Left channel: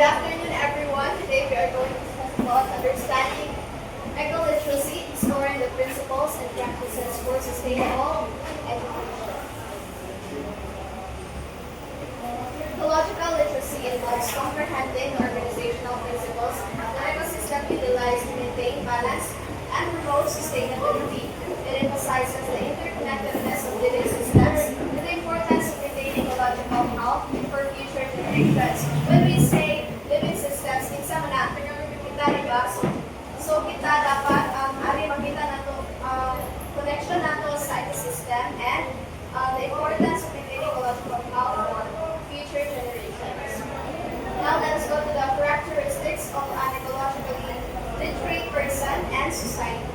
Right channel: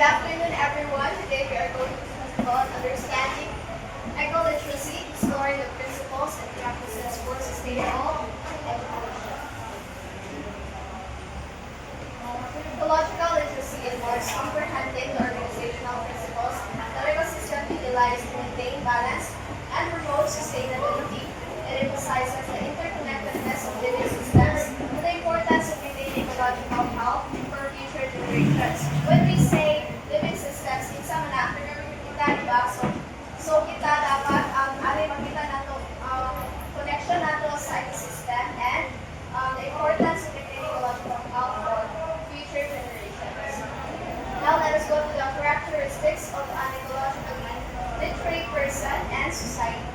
Good afternoon, everyone. Today we are going to talk about understanding ecology, exploring the principles and practices for sustainable agriculture. Ecological literacy involves comprehending the organizational principles that ecosystem utilize to maintain balance and promote sustainability. It emphasizes the interconnectedness of living systems and the importance of maintaining ecological health for future generations. When we say living systems, minsan na kita diba? So kita dapat ari makita nato connection nato sa ecosystem and the importance of maintaining ecological health for future generations. Now let us go to the characteristics of an ecologically literate person and society.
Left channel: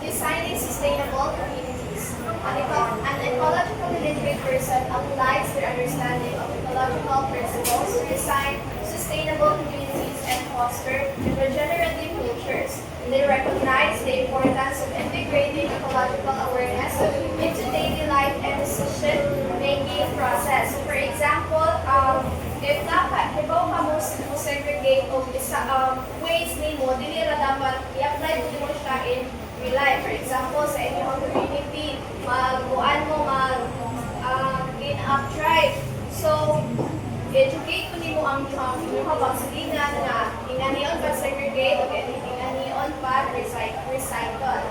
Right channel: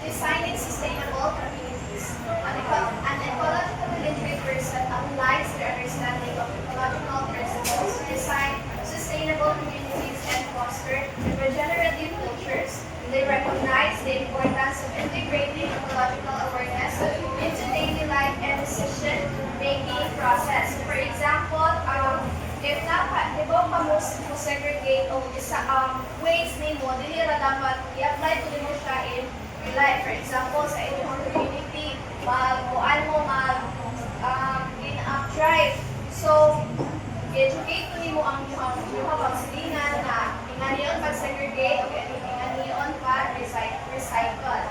Designing sustainable communities. An ecologically literate person applies their understanding of ecological principles to design sustainable communities and foster regenerative cultures. They recognize the importance of integrating ecological awareness into daily life and decision-making process. For example, if dapat, di ba mo segregate o ways nimo, dili ra dapat i-apply mo siya in real life. For example, sa inyong community, magbuan mo, in-up drive. So, educate mo nimo ang inyong pagsilingan na inganiyon pag-segregate o inganiyon pag-recycle.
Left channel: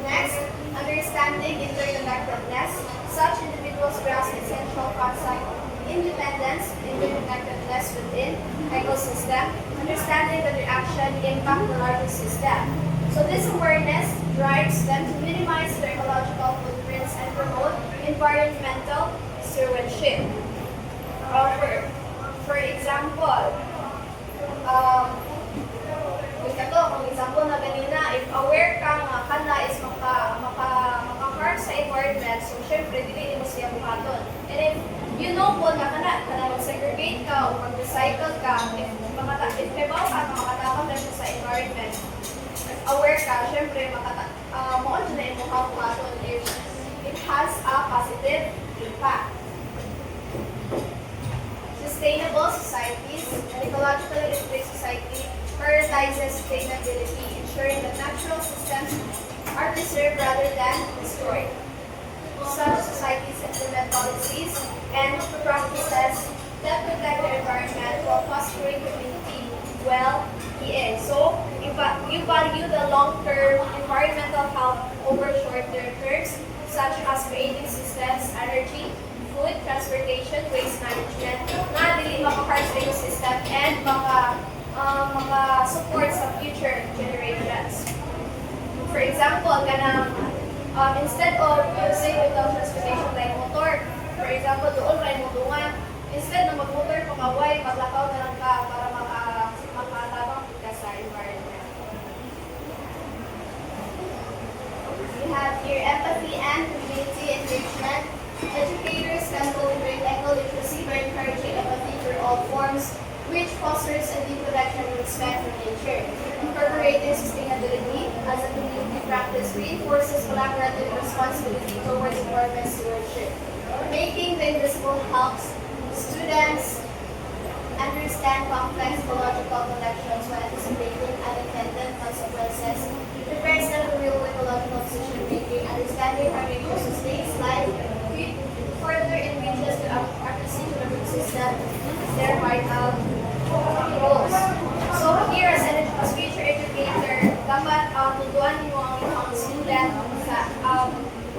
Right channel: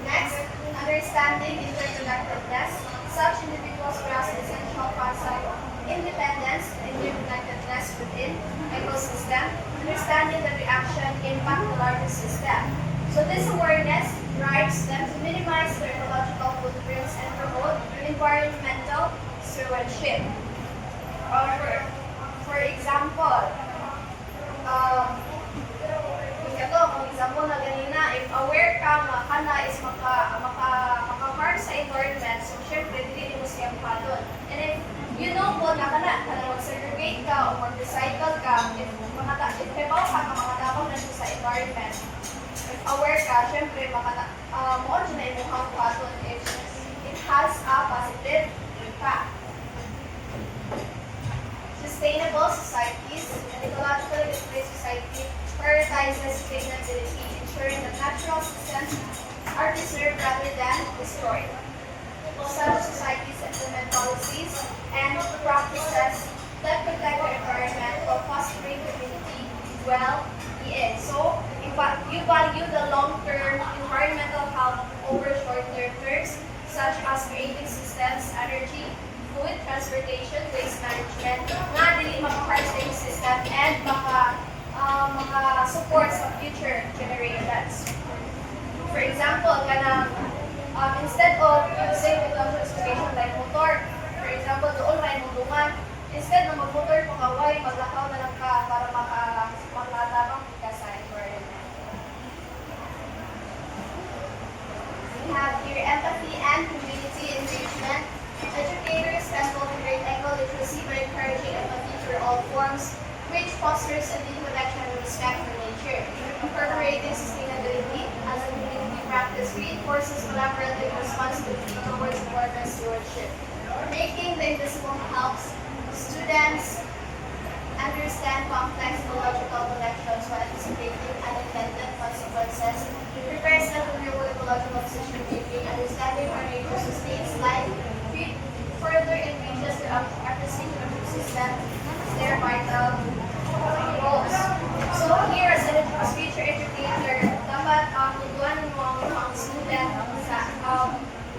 Next, understanding interconnectedness. Such individuals grasp essential concept of independence, interconnectedness within ecosystem, understanding the reaction impact the larger system. So this awareness drives them to minimize their ecological footprints and promote environmental stewardship. For example, kung example na ganina, if aware ka nga kana is maka-harm sa environment, so syempre, dili mo siya buhaton. And if you know po na kana mag-segregate ka o mag-recycle ka, if nebaw ka na makatapang na siya sa environment, aware ka, syempre, moon siya na imuhang buhaton if it has a positive impact. Sustainable societies, an ecologically displaced society prioritizes sustainability, ensuring that natural systems are preserved rather than destroyed. Such societies implement policies and practices that protect the environment while fostering community well-being. So, you value the long-term environmental health over short-term terms, such as creating systems, energy, food, transportation, waste management, na dili maka-harm sa yung system and maka-support sa future generations. For example, instead of using transportation like motor, for example, doon may mudungan, instead ng mag-motor pangaway, maglakaw na lang ka para makatabang kita sa environment. We have here empathy and community engagement. Educators can cultivate eco-literacy by encouraging empathy through all forms, which fosters a deep connection and respect for nature. Incorporating sustainability as a community practice reinforces collaborative responsibility towards environment stewardship. Making the invisible helps students understand complex ecological connections while anticipating unintended consequences, prepares them for real ecological decision making, understanding how nature sustains life, further engages the appreciation of the system as their vital goals. So here, as future educator, dapat tutuan mo ang student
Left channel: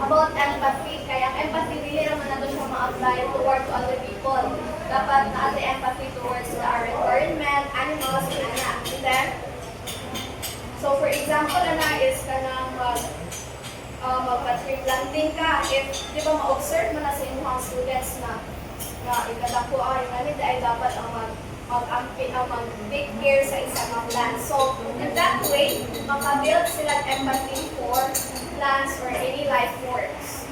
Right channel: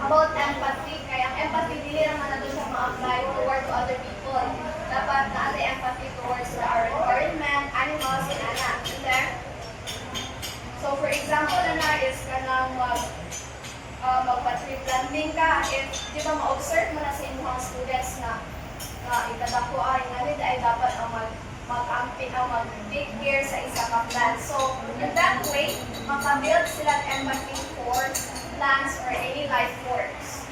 about empathy. Kaya empathy, dili naman nato siya ma-apply toward to other people. Dapat na empathy towards our environment, animals, and anak. So for example, is kanang mag-tree planting ka. If di ba ma-observe mo na sa inyong students na ikadako ay dapat ang mag-take care sa isang plant. So, in that way, makabuild sila empathy for plants or any life forms.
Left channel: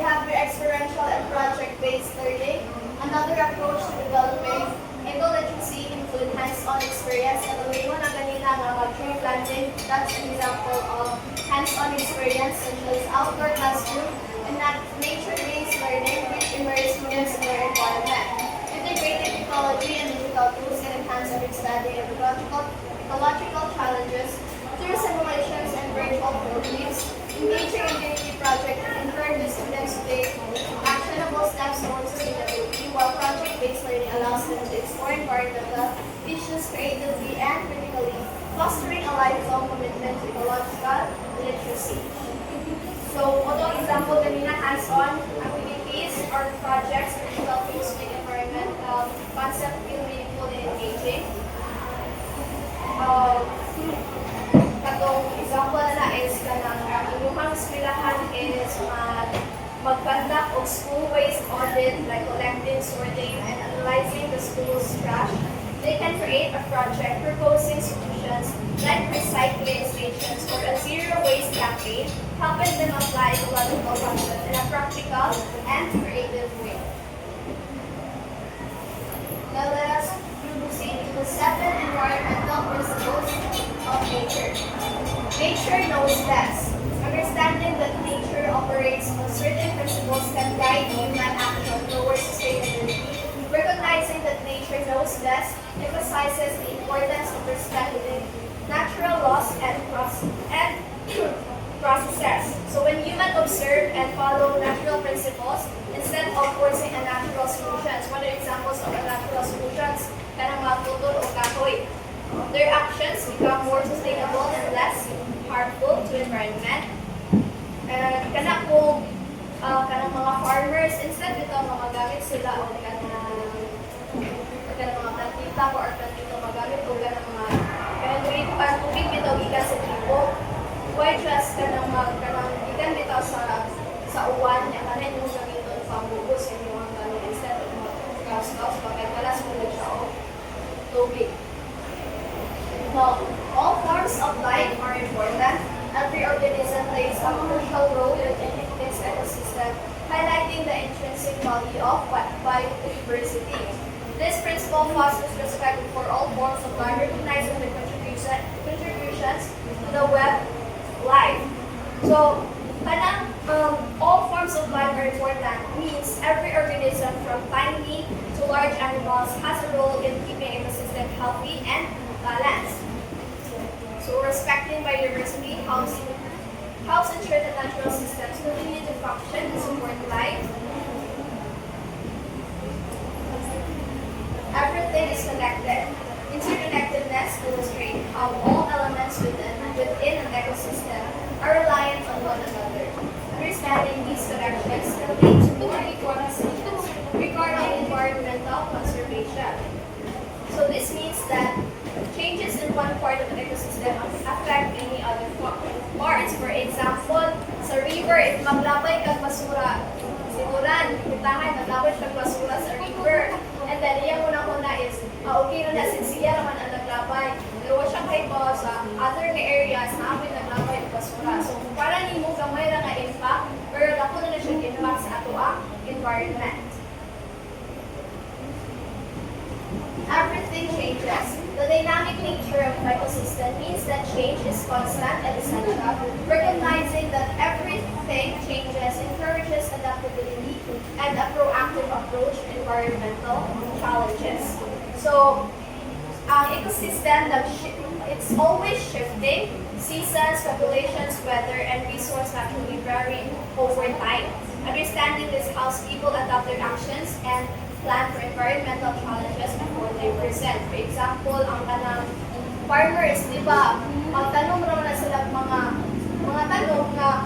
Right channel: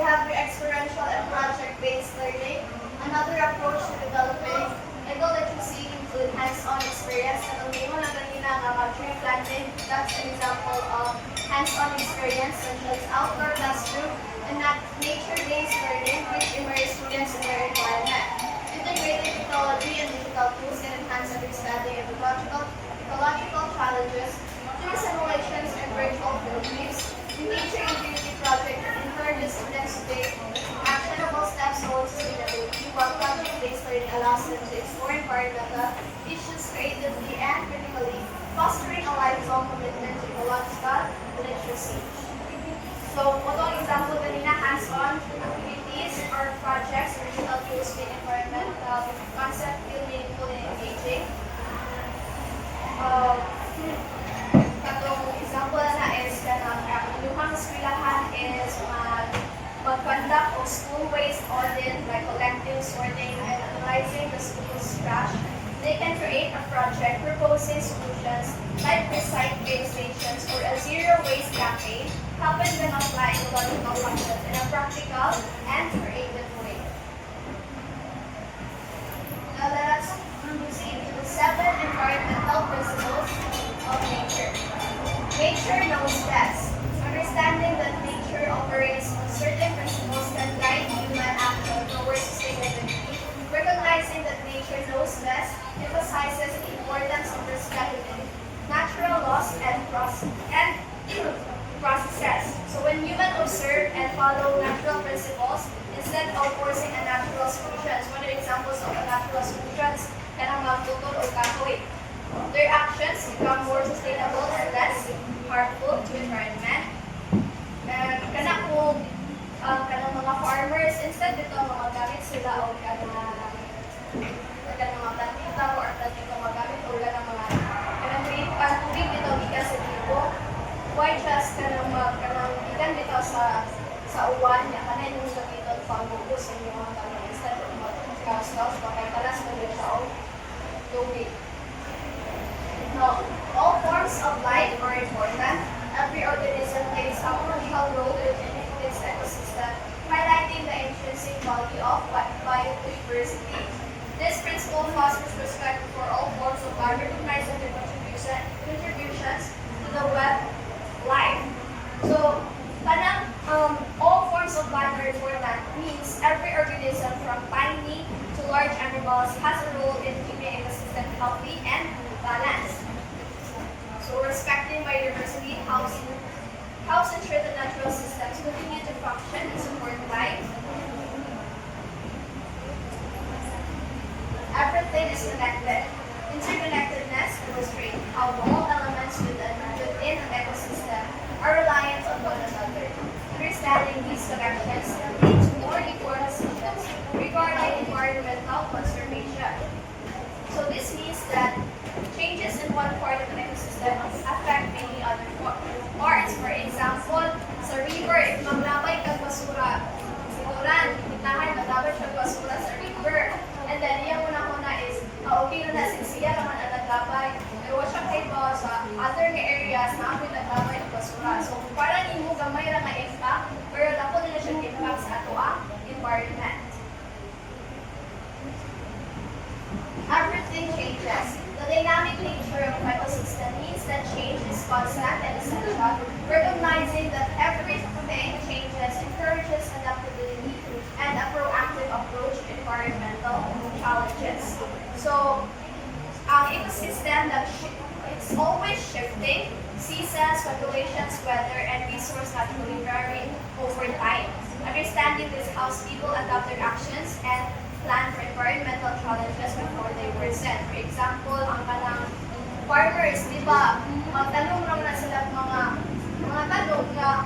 You have your experiential and project-based learning. Another approach to developing eco-literacy include hands-on experience. At ang mo na kanina nga tree planting, that's an example of hands-on experience such as outdoor classroom and nature-based learning which immerse students in the ecological challenges through simulations and virtual workshops. Engaging in community project encourages students to take actionable steps towards sustainability, while project-based learning allows them to explore environmental issues creatively and critically, fostering a lifelong commitment to ecological literacy. So, although example kanina hands-on activities or projects which help you with environmental concept feel meaningful and engaging. Katong example na is kanang iluhang eskwelahan is mag-conduct of school waste audit like collecting, sorting, and analyzing the school's trash. They can create a project proposing solutions like recycling stations or a zero waste campaign, helping them apply ecological concepts in a practical and creative way. Now let us proceed to the 7 environmental principles of nature. Nature knows best. Understanding that nature operates on certain principles can guide human action towards sustainability. Recognizing that nature knows best emphasizes the importance of respecting natural laws and processes. So when humans observe and follow natural principles instead of forcing a natural solutions, one of the examples of a natural solutions, kanang magtutol o kahoy, their actions become more sustainable and less harmful to environment. Kanang mga farmers, instead dito magagamit sila o mga plantita or plantita magamit o kanang mga tubig dito gikan sa tipo. Why just kanang gikan dito sa uwan niya kanin yung gamiton pamugos sa inyong tanong instead of kaos-kaos kay kalas mo siya o tubig. Now, all forms of life are important. Every organism plays a crucial role within its ecosystem, highlighting the intrinsic value of biodiversity. This principle fosters respect for all forms of life, recognizing the contributions to the web life. So, all forms of life are important means every organism from tiny to large animals has a role in keeping ecosystem healthy and balanced. So, respecting biodiversity helps ensure that natural systems continue to function and support life. Everything is connected. Interconnectedness illustrates how all elements within an ecosystem are reliant on one another. Understanding these connections can lead to more informed decisions regarding environmental conservation. So this means that changes in one part of the ecosystem affect any other parts. For example, sa river, if maglabay kag basura, siguran, kitahan, maglabay kag basura sa river. And then, yung una-una is, okay na siya naman ang naglabay. Pero siya kayo ba sa other areas na ako'y naglabay ng basura. So, para nimo gamay lang nga impact, pero dako na siya impact sa ato ang environment. Everything changes. The dynamic nature of ecosystem means that change is constant and essential. Recognizing that everything changes encourages adaptability and a proactive approach to environmental challenges. So, ecosystem it's always shifting. Seasons, populations, weather, and resource naturally vary over time. Understanding this helps people adapt their actions and plan for environmental challenges before they present. For example, ang kanang farmers, di ba, magtanong raw na sila mga tanong na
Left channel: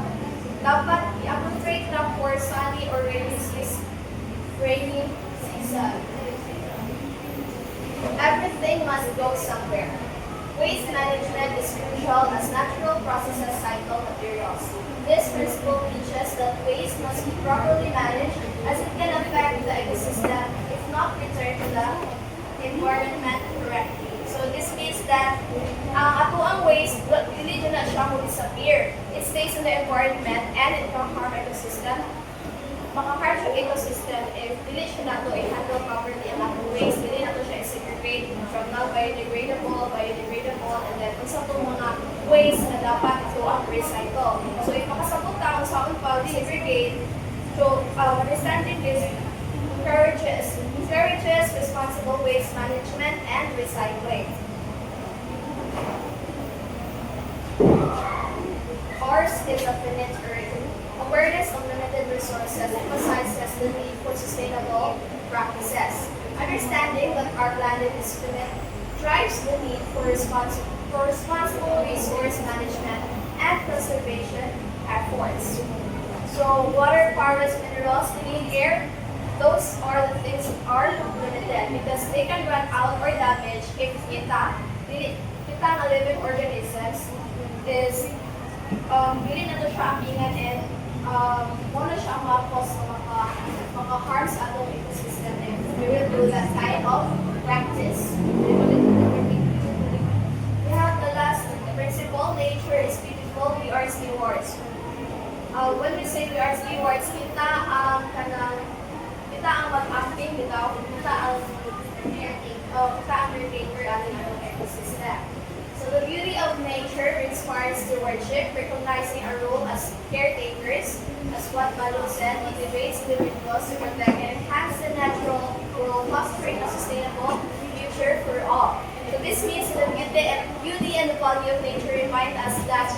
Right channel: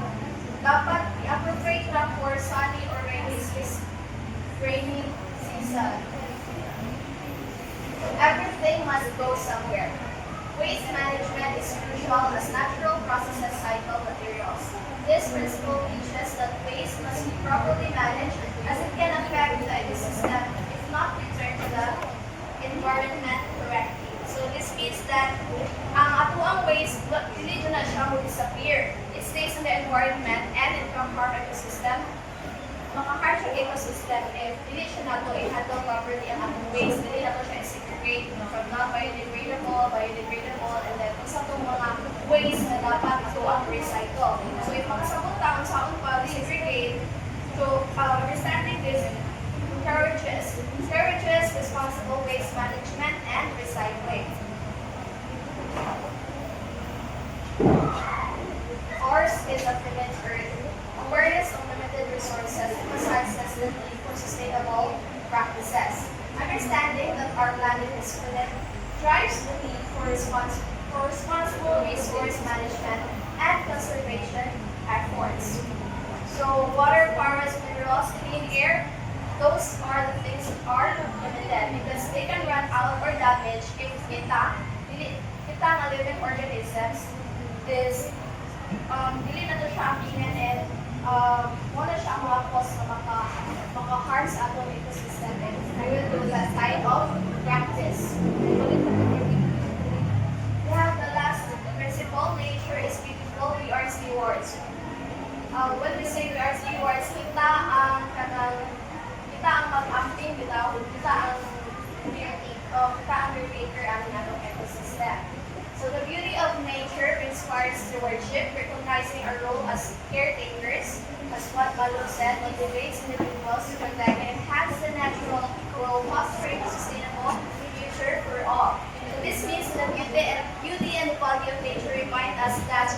dapat i-appropriate na for sunny or rainy season. Everything must go somewhere. Waste management is crucial as natural processes cycle materials. This principle teaches that waste must be properly managed as it can affect the ecosystem if not returned to the environment correctly. So this means that ang waste, hindi na siya mo disappear. It stays in the environment and it can harm ecosystem. Maka-harm siya ecosystem if hindi siya nato i-handle properly ang atong waste, hindi nato siya i-segregate from non-biodegradable, biodegradable, and then kung sa itong mga waste na dapat ito ang recycle. So if makasabot ka kung saan pa-segregate, so understanding this encourages responsible waste management and recycling. Ours is a finite earth. Awareness of limited resources emphasizes the need for sustainable practices. Understanding that our planet is finite drives the need for responsible resource management and conservation efforts. So water, forests, minerals, clean air, those are the things that are limited because they can run out or damage if kita na living organisms is dili na to siya akinan and mo na siya makakos na maka-harm sa atong ecosystem and we will do that kind of practice. We have the last principle, nature is beautiful, we are stewards. When we say we are stewards, kita ang mag-acting, kita ang caretaker ang atong ecosystem. So the beauty of nature inspires stewardship, recognizing our role as caretakers, as what Balong said, motivates individuals to protect and enhance the natural world, fostering a sustainable future for all. So this means the beauty and the value of nature remind us that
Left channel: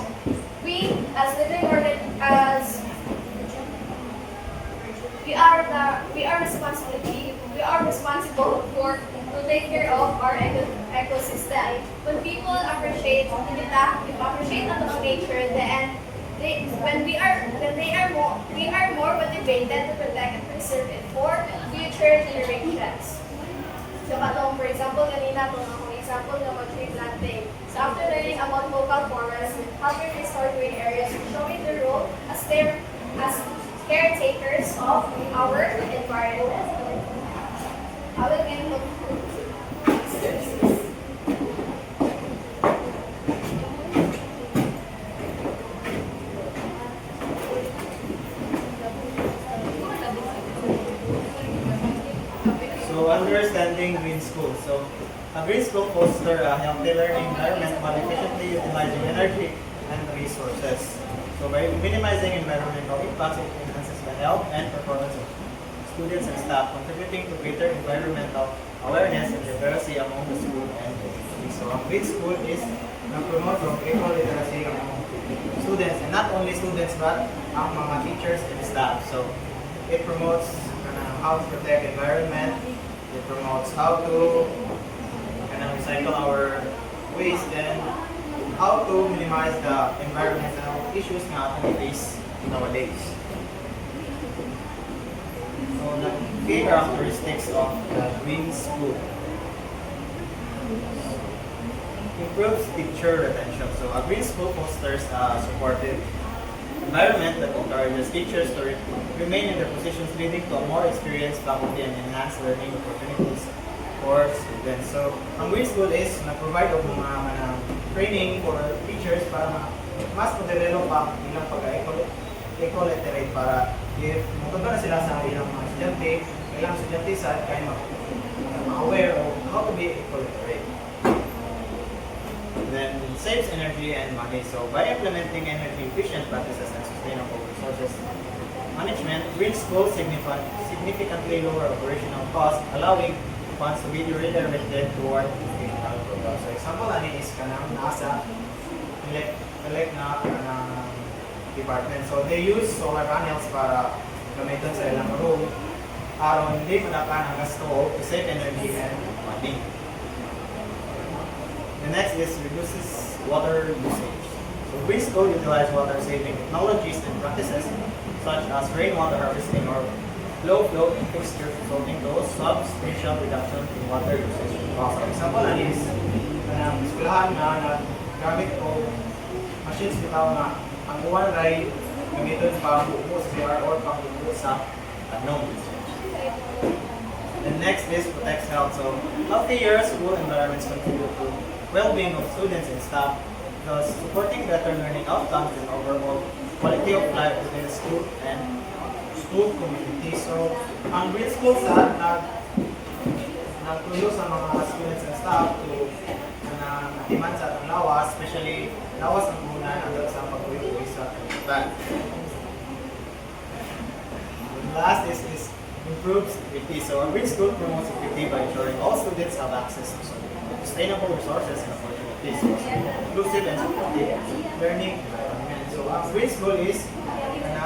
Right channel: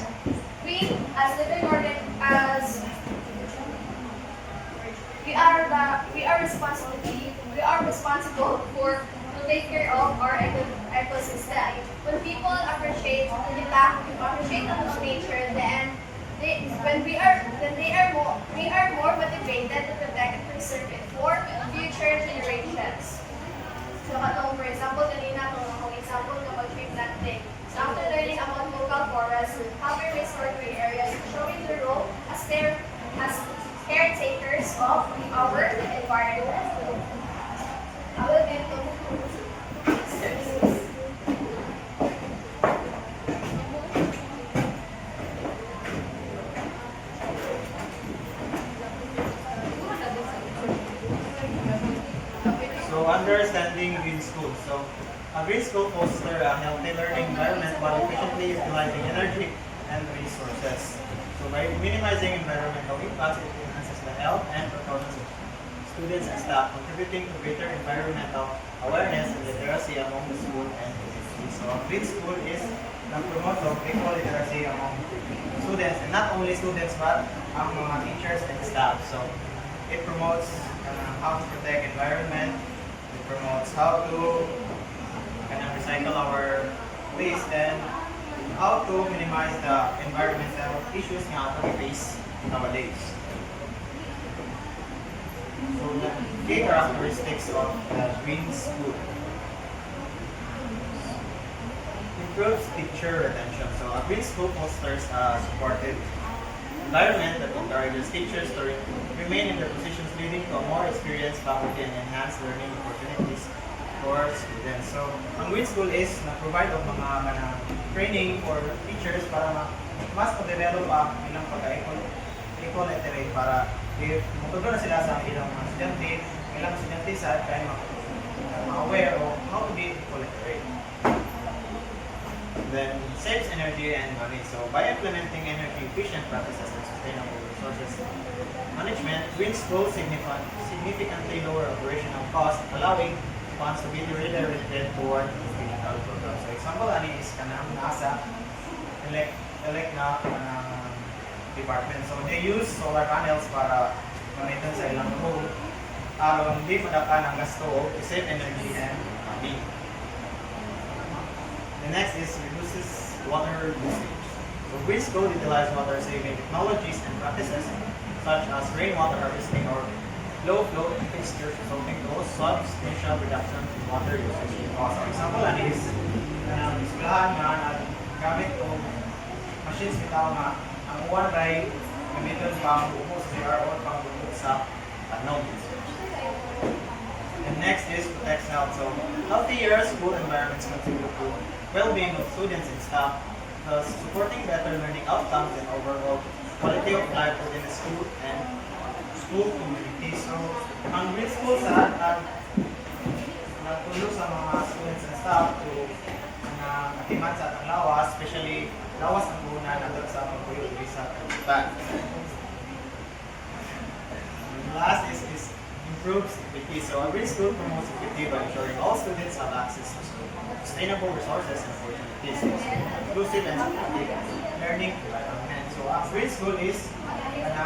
we, as living as we are responsible for to take care of our ecosystem. When people appreciate our nature, then we are more motivated to protect and preserve it for future generations. So for example, kanina itong akong example ng tree planting. So after learning about local forests, how we restore green areas, showing the role as caretakers of our environment. I will be So understanding green school. So a green school fosters a healthy learning environment while efficiently utilizing energy and resources. So by minimizing environmental impacts, it enhances the health and performance of students and staff, contributing to greater environmental awareness and literacy among the school and community. So a green school is nag-promote of equal literacy among students, and not only students but ang mga teachers and staff. So it promotes how to protect environment. It promotes how to recycle our waste and how to minimize the environmental issues nga we face nowadays. So the key characteristics of the green school. Improves teacher retention. So a green school fosters a supportive environment that encourages teachers to remain in their positions, leading to a more experienced faculty and enhanced learning opportunities for students. So, ang green school is na-provide of mga training for teachers para mas ma-develop ang ilang pagka-eco-literate para if matuto na sila sa ilang mga estudyante sa kaya ma-aware of how to be eco-literate. Then saves energy and money. So by implementing energy efficient practices and sustainable resources management, green schools significantly lower operational costs, allowing funds to be redirected toward educational programs. So example ani is kanang NASA elect na department. So they use solar panels para gamiton sa ilang room aron hindi madakan ang gasto to save energy and money. The next is reduces water usage. So green school utilize water-saving technologies and practices such as rainwater harvesting or low flow fixtures, resulting to substantial reduction in water usage cost. For example, is eskwelahan nga naggamit o machines bitaw nga ang uwan ray gamiton pang buo sa CR or pang buo sa adnom. And next is protects health. So healthier school environments contribute to well-being of students and staff, thus supporting better learning outcomes and overall quality of life within the school and school community. So, ang green school sa nagtulong sa mga students and staff to matiman sa atang lawas, especially lawas ang muna na sa pagkulit sa kalibutan. Last is improves equity. So a green school promotes equity by ensuring all students have access to sustainable resources and opportunities, so inclusive and supportive learning environment. So a green school is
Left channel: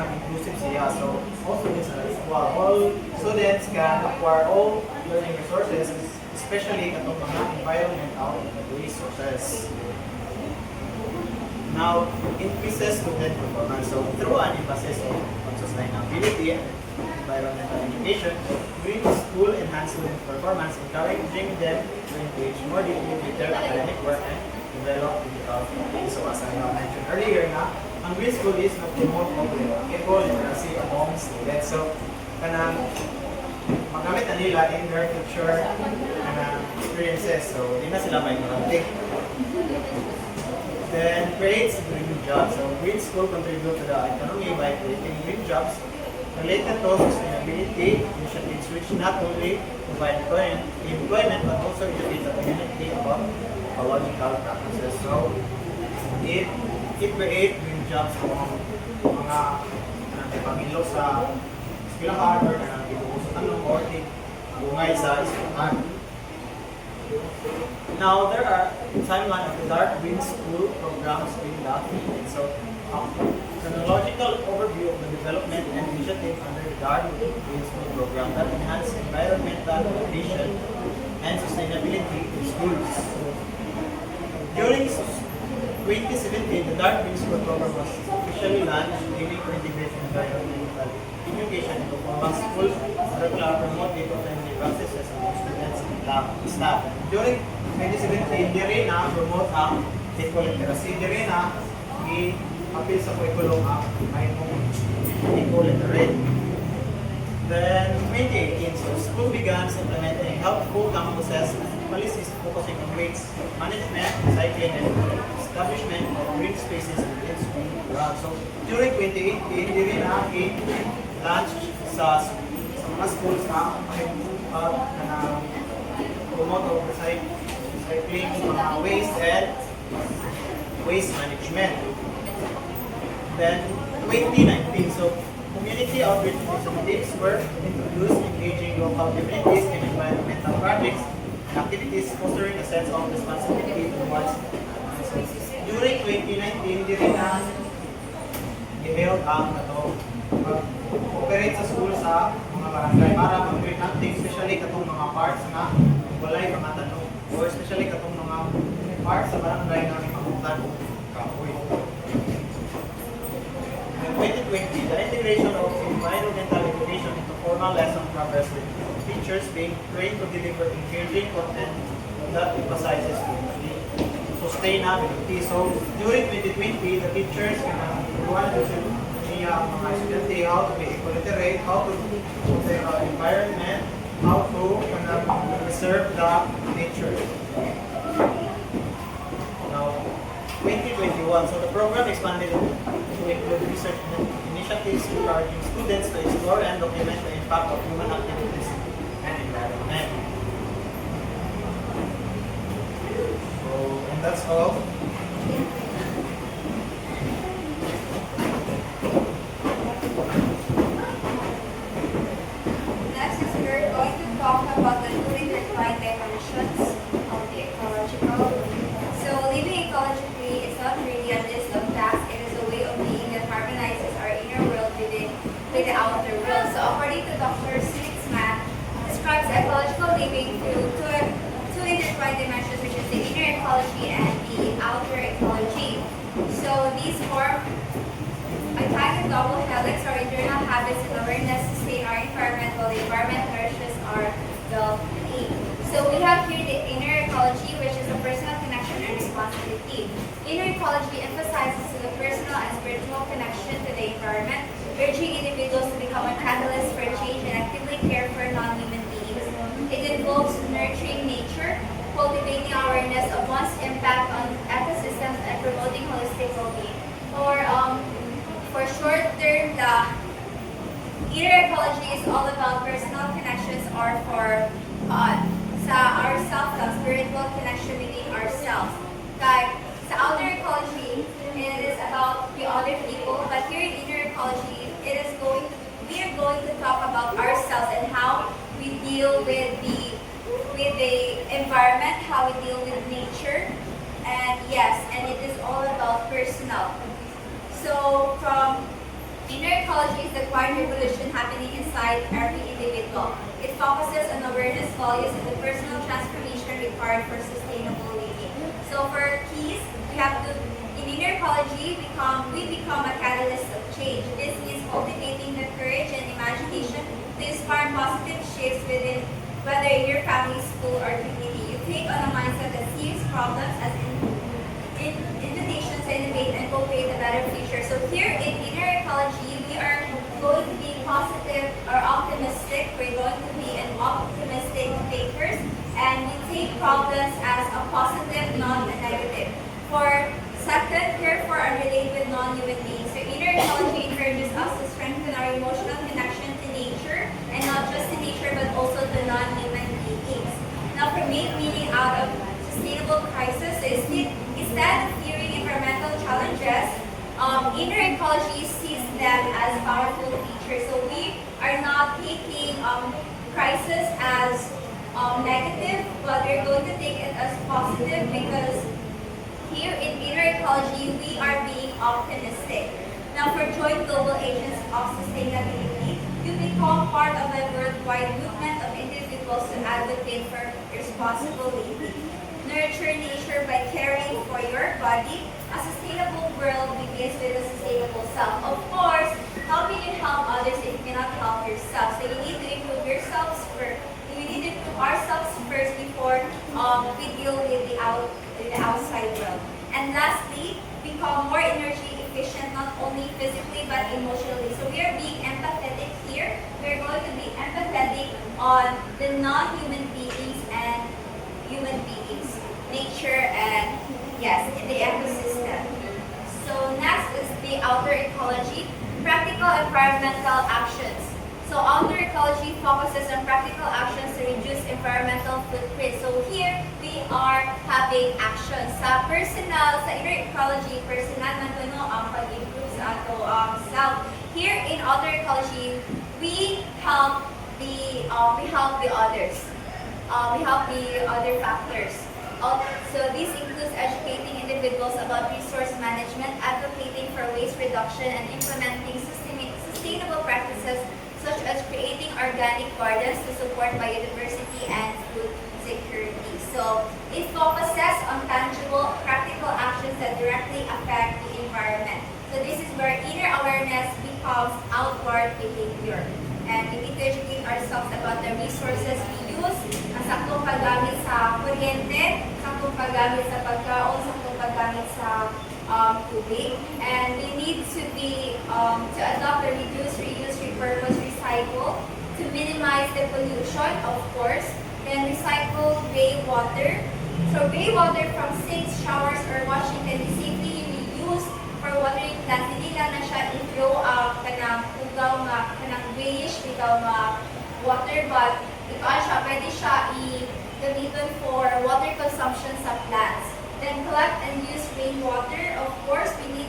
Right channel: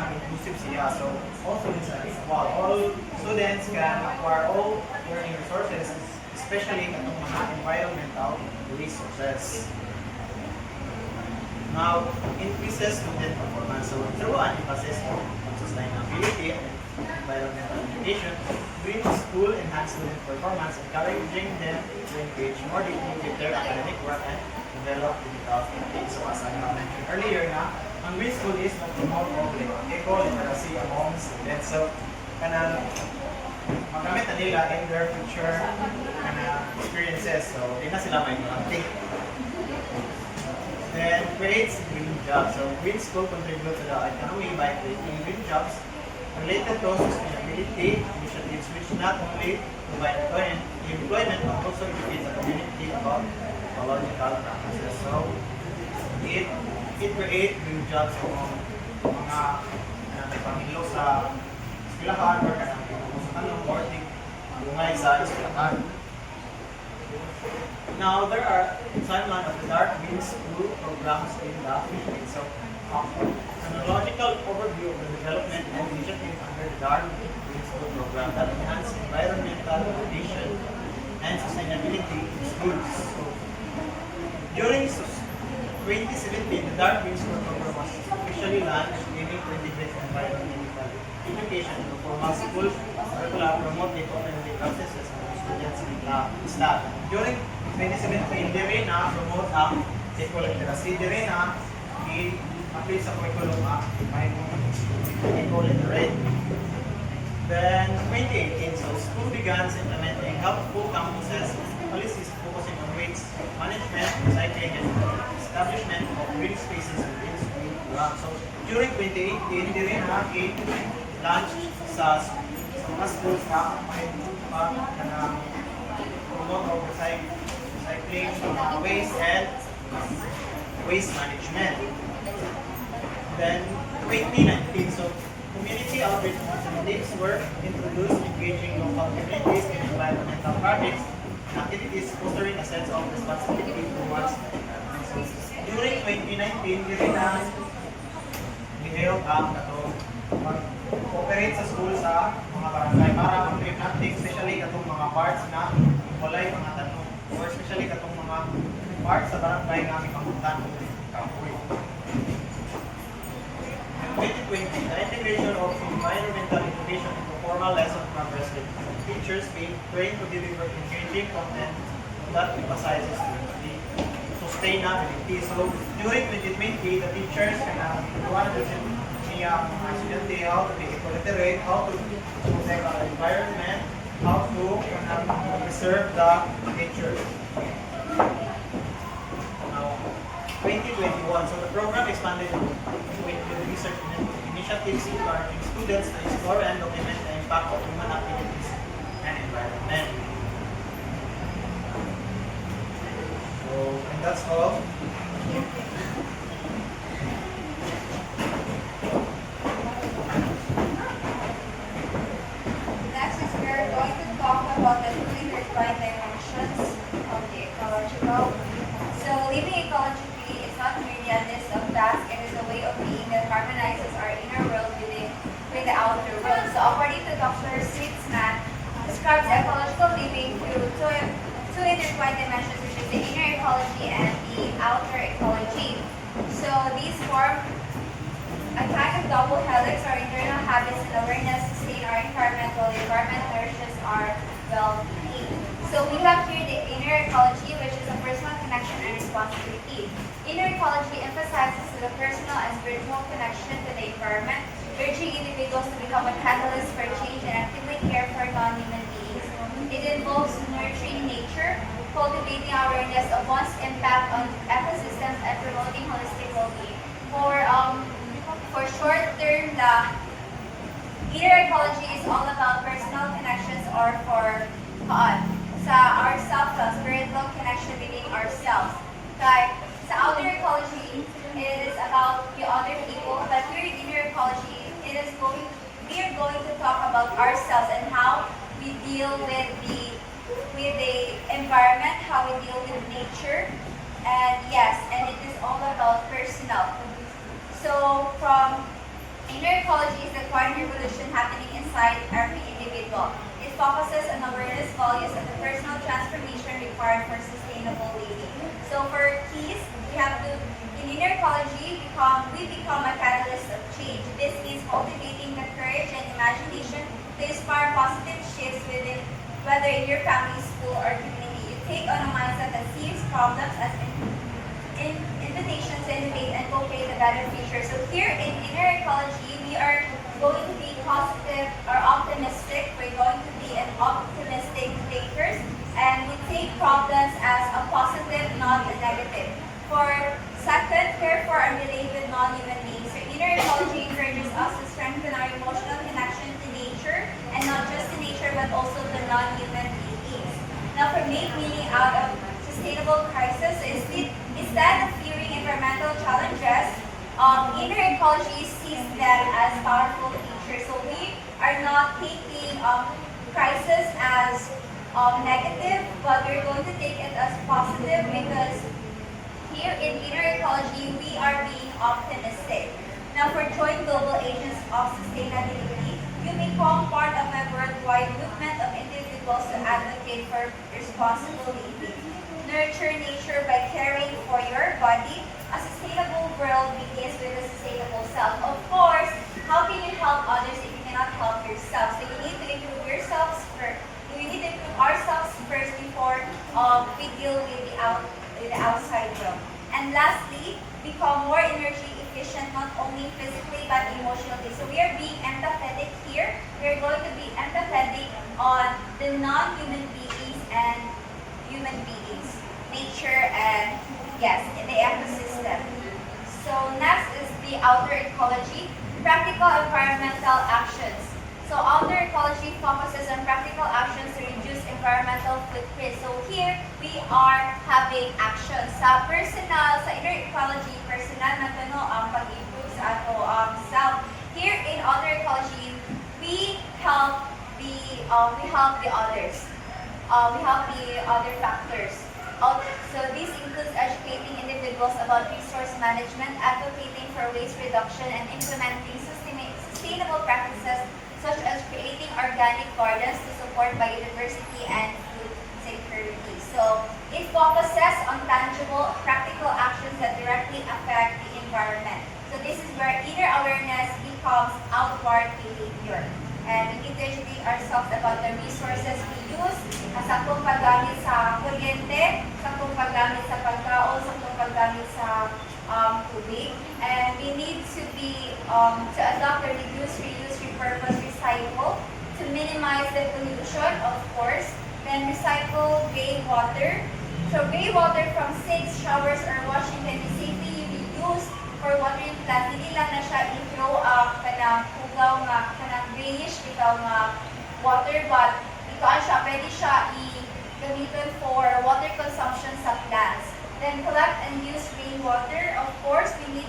inclusive siya. So all students are equal. All students can acquire all learning resources, especially katong mga environmental resources. Now, increases student performance. So through an emphasis on sustainability and environmental education, green school enhance student performance, encouraging them to engage more deeply with their academic work and develop critical thinking. So as I mentioned earlier na, ang green school is nag-promote of eco-literacy among students. So, magamit na nila in their future experiences. So, di na sila may granting. Then, creates green jobs. So, green school contribute to the economy by creating green jobs related to sustainability initiatives which not only provide employment but also educate the community about ecological practices. So, it create green jobs sa mga pangilo sa eskwelahan or kanang gibubusutan ng boarding bungay sa eskwelahan. Now, there are timeline of the Dark Green School programs in the Philippines. So, chronological overview of the development and initiative under the Dark Green School program that enhance environmental education and sustainability in schools. So, during 2017, the Dark Green School program was officially launched, aiming to integrate environmental education into formal school curricula, promote eco-friendly practices among students and staff. During 2017, di rin promote ang eco-literacy. Di rin i-appeal sa curriculum ang mahimong eco-literate. Then, 2018, so school began implementing helpful campuses policies focusing on waste management, recycling, and establishment of green spaces within school grounds. So, during 2018, di rin i-launch sa mga schools na promote of recycling, mga waste and waste management. Then, 2019, so community outreach initiatives were introduced, engaging local communities in environmental projects and activities, fostering a sense of responsibility towards resources. During 2019, di rin i-held ang mag-operate sa school sa mga barangay para mag-create natin, especially katong mga parts na walay mga tanong or especially katong mga parts sa barangay na may pamuntan kahoy. In 2020, the integration of environmental education into formal lesson progress with teachers being trained to deliver engaging content that emphasizes sustainability. So, during 2020, the teachers can niya mga estudyante how to be eco-literate, how to protect our environment, how to preserve the nature. Now, 2021, so the program expanded to include research initiatives encouraging students to explore and document the impact of human activities and environment. So, and that's all. The outer world. So according to Dr. Switzman, describes ecological living through two intertwined dimensions, which is the inner ecology and the outer ecology. So these form a kind of double helix or internal habits and awareness sustain our environment while the environment nourishes our well-being. So we have here the inner ecology, which is a personal connection and responsibility. Inner ecology emphasizes the personal and spiritual connection to the environment, urging individuals to become a catalyst for change and actively care for non-human beings. It involves nurturing nature, cultivating awareness of one's impact on ecosystems, and promoting holistic well-being. For short term, the inner ecology is all about personal connections or for ourselves, the spiritual connection within ourselves. Like, sa outer ecology, it is about the other people, but here in inner ecology, we are going to talk about ourselves and how deal with the environment, how we deal with nature, and yes, and it is all about personal. So from inner ecology is the quiet revolution happening inside every individual. It focuses on awareness, values, and the personal transformation required for sustainable living. So for keys, we have to in inner ecology we become a catalyst of change. This is cultivating the courage and imagination to inspire positive shifts within whether in your family, school, or community. You take on a mindset that sees problems as invitations to innovate and co-create a better future. So here in inner ecology, we are going to be positive or optimistic. We're going to be an optimistic thinkers, and we take problems as a positive, not a negative. For second, care for and relate with non-human beings. So inner ecology encourages us to strengthen our emotional connection to nature, and not just to nature, but also to non-human beings. Now, for make meaning out of sustainable crisis, so instead of fearing environmental challenges, inner ecology sees them as powerful features. So we are not taking crisis as negative, but we're going to take it as positive because here in inner ecology, we are being optimistic. Now, for joint global agents of sustainability, you become part of a worldwide movement of individuals to advocate for responsible living. Nurture nature by caring for your body. A sustainable world begins with a sustainable self. Of course, how can you help others if you cannot help yourself? So you need to improve yourselves first. We need to improve ourselves first before we deal with the outside world. And lastly, become more energy efficient, not only physically but emotionally. So we are being empathetic here. We're going to be empathetic on the non-human beings and human beings, nature, and yes, the ecosystem. So next is the outer ecology, practical environmental actions. So outer ecology focuses on practical actions to reduce environmental footprint. So here we are having actions sa personal, sa inner ecology, personal na kuno ang pag-improve sa ato self. Here in outer ecology, we help the others. We help the other factors. So this includes educating individuals about resource management, advocating for waste reduction, and implementing sustainable practices such as creating organic gardens to support biodiversity and food security. So it focuses on tangible, practical actions that directly affect the environment. So this is where inner awareness becomes outward behavior. And we need to educate ourselves about the resources we use, saktong paggamit sa kuryente, saktong paggamit sa pagkaon, saktong paggamit sa tubig. And we need to to adopt a reduce, reuse, repurpose, recycle to minimize the pollution, of course. Then recycle rainwater. So rainwater from sinks, showers, or washing can be safely reused for watering plants. Hindi lang na siya i-throw up kanang ugaw nga, kanang grayish, bitaw nga water, but ito siya, pwede siya i-gamiton for water consumption sa plants. Then collect and use rainwater. Of course, we need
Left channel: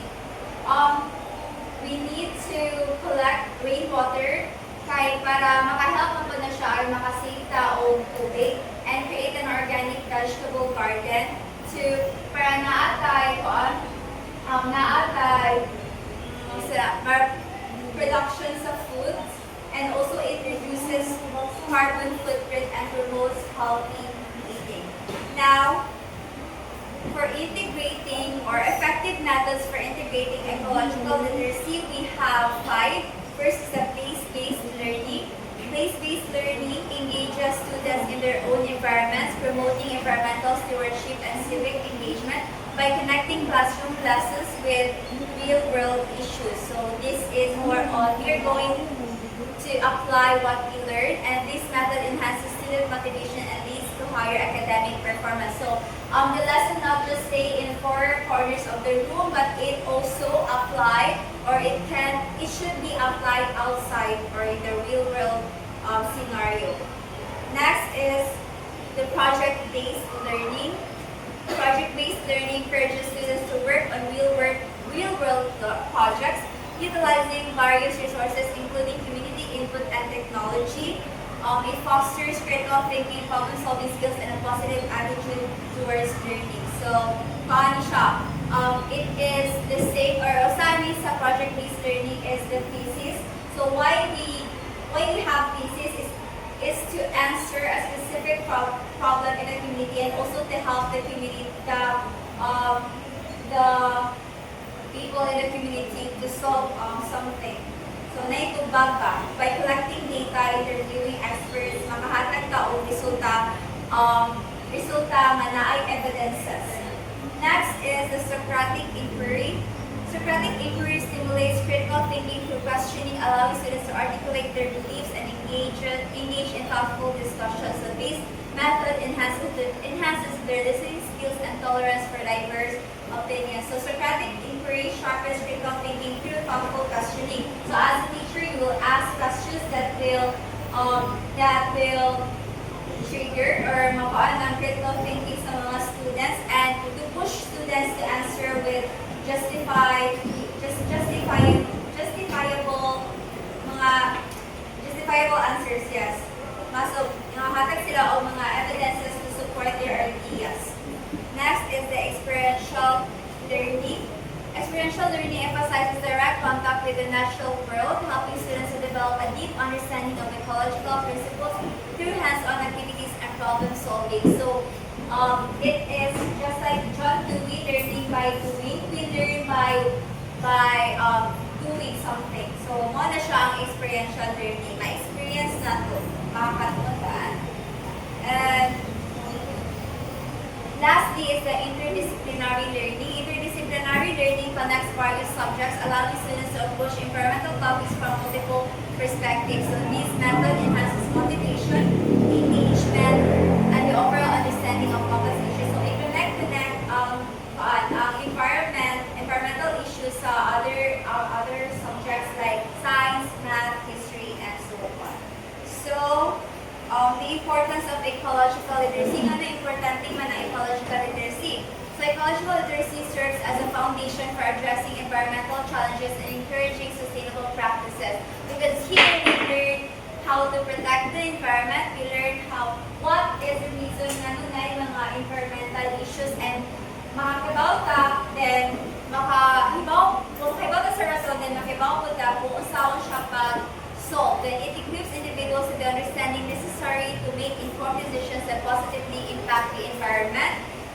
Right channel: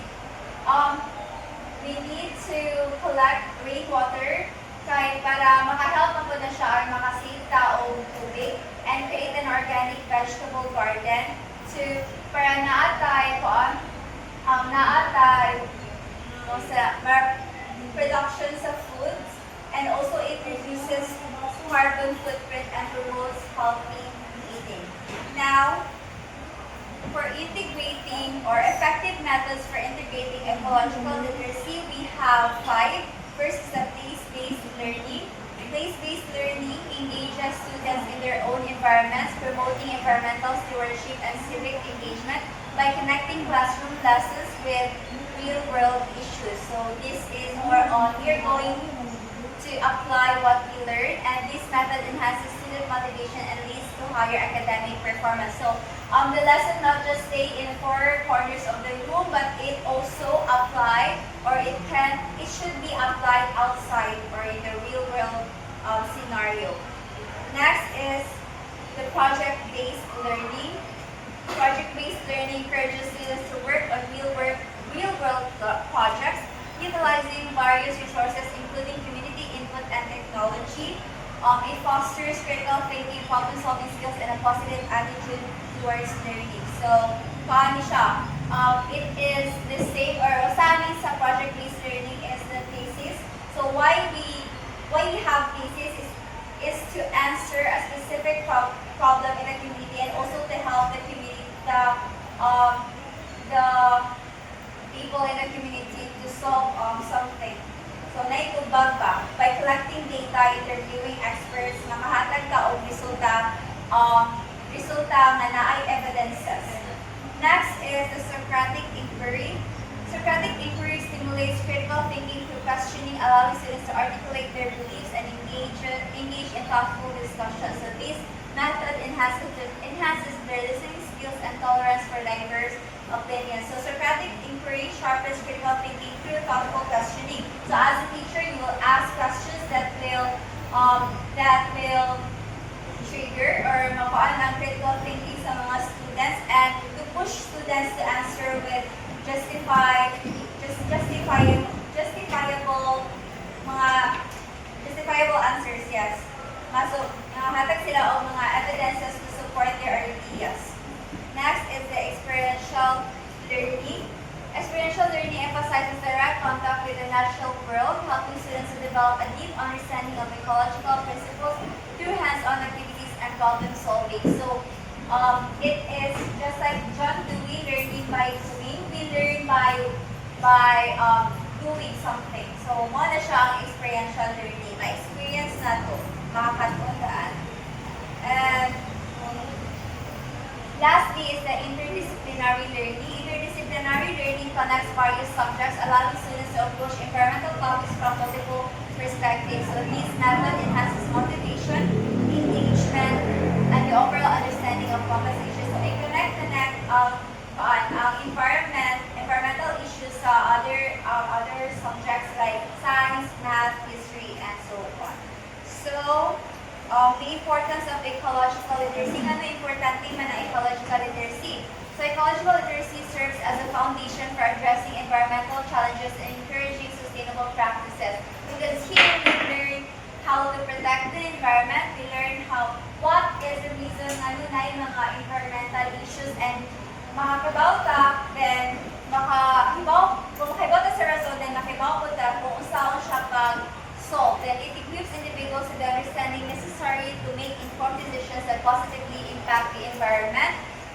to collect rainwater kay para makahelp mo na siya or makasave taong tubig, and create an organic vegetable garden to para naatay production of foods, and also it reduces carbon footprint and promotes healthy eating. Now, for integrating or effective methods for integrating ecological literacy, we have 5. First is the place-based learning. Place-based learning engages students in their own environments, promoting environmental stewardship and civic engagement by connecting classroom classes with real-world issues. So this is more on, we are going to apply what we learn, and this method enhances student motivation and leads to higher academic performance. So the lesson not just stay in 4 corners of the room, but it also apply, or it should be applied outside or in the real world scenario. Next is the project-based learning. Project-based learning encourages students to work on real-world projects, utilizing various resources including community input and technology. It fosters critical thinking, problem-solving skills, and a positive attitude towards learning. So, paano siya? It is the state, or usani sa project-based learning is the thesis. So, why we have thesis is to answer a specific problem in the community, and also to help the community, the people in the community to solve something. So, naitubag ba? By collecting data, interviewing experts, makahatag ka og resulta nga naay evidences. Next is the Socratic inquiry. Socratic inquiry stimulates critical thinking through questioning, allowing students to articulate their beliefs and engage in thoughtful discussions. So this method enhances their listening skills and tolerance for diverse opinions. So Socratic inquiry sharpens critical thinking through thoughtful questioning. So as a teacher, you will ask questions that will trigger or mapaan ng critical thinking sa mga students, and to push students to answer with justifiable answers, yes. So, hatag sila o mga evidences to support their ideas. Next is the experiential learning. Experiential learning emphasizes direct contact with the natural world, helping students to develop a deep understanding of ecological principles through hands-on activities and problem solving. So, it is just like John Dewey, learning by doing. We learn by doing something. So, mo na siya ang experiential learning. Ma-experience na to. Makakatundaan. And lastly is the interdisciplinary learning. Interdisciplinary learning connects various subjects, allowing students to approach environmental topics from multiple perspectives. So this method enhances motivation, engagement, and the overall understanding of complex issues. So it environmental issues sa other subjects like science, math, history, and so on. So, the importance of ecological literacy. Ano importante man ang ecological literacy? So, ecological literacy serves as a foundation for addressing environmental challenges and encouraging sustainable practices. Because here we learn how to protect the environment, we learn what is the reason na nunay mga environmental issues, and makakibaw ta, then makahibaw ta sa rason, then makibaw po ta kung usaw siya pag-solve. Then it equips individuals with the understanding necessary to make informed decisions that positively impact the environment.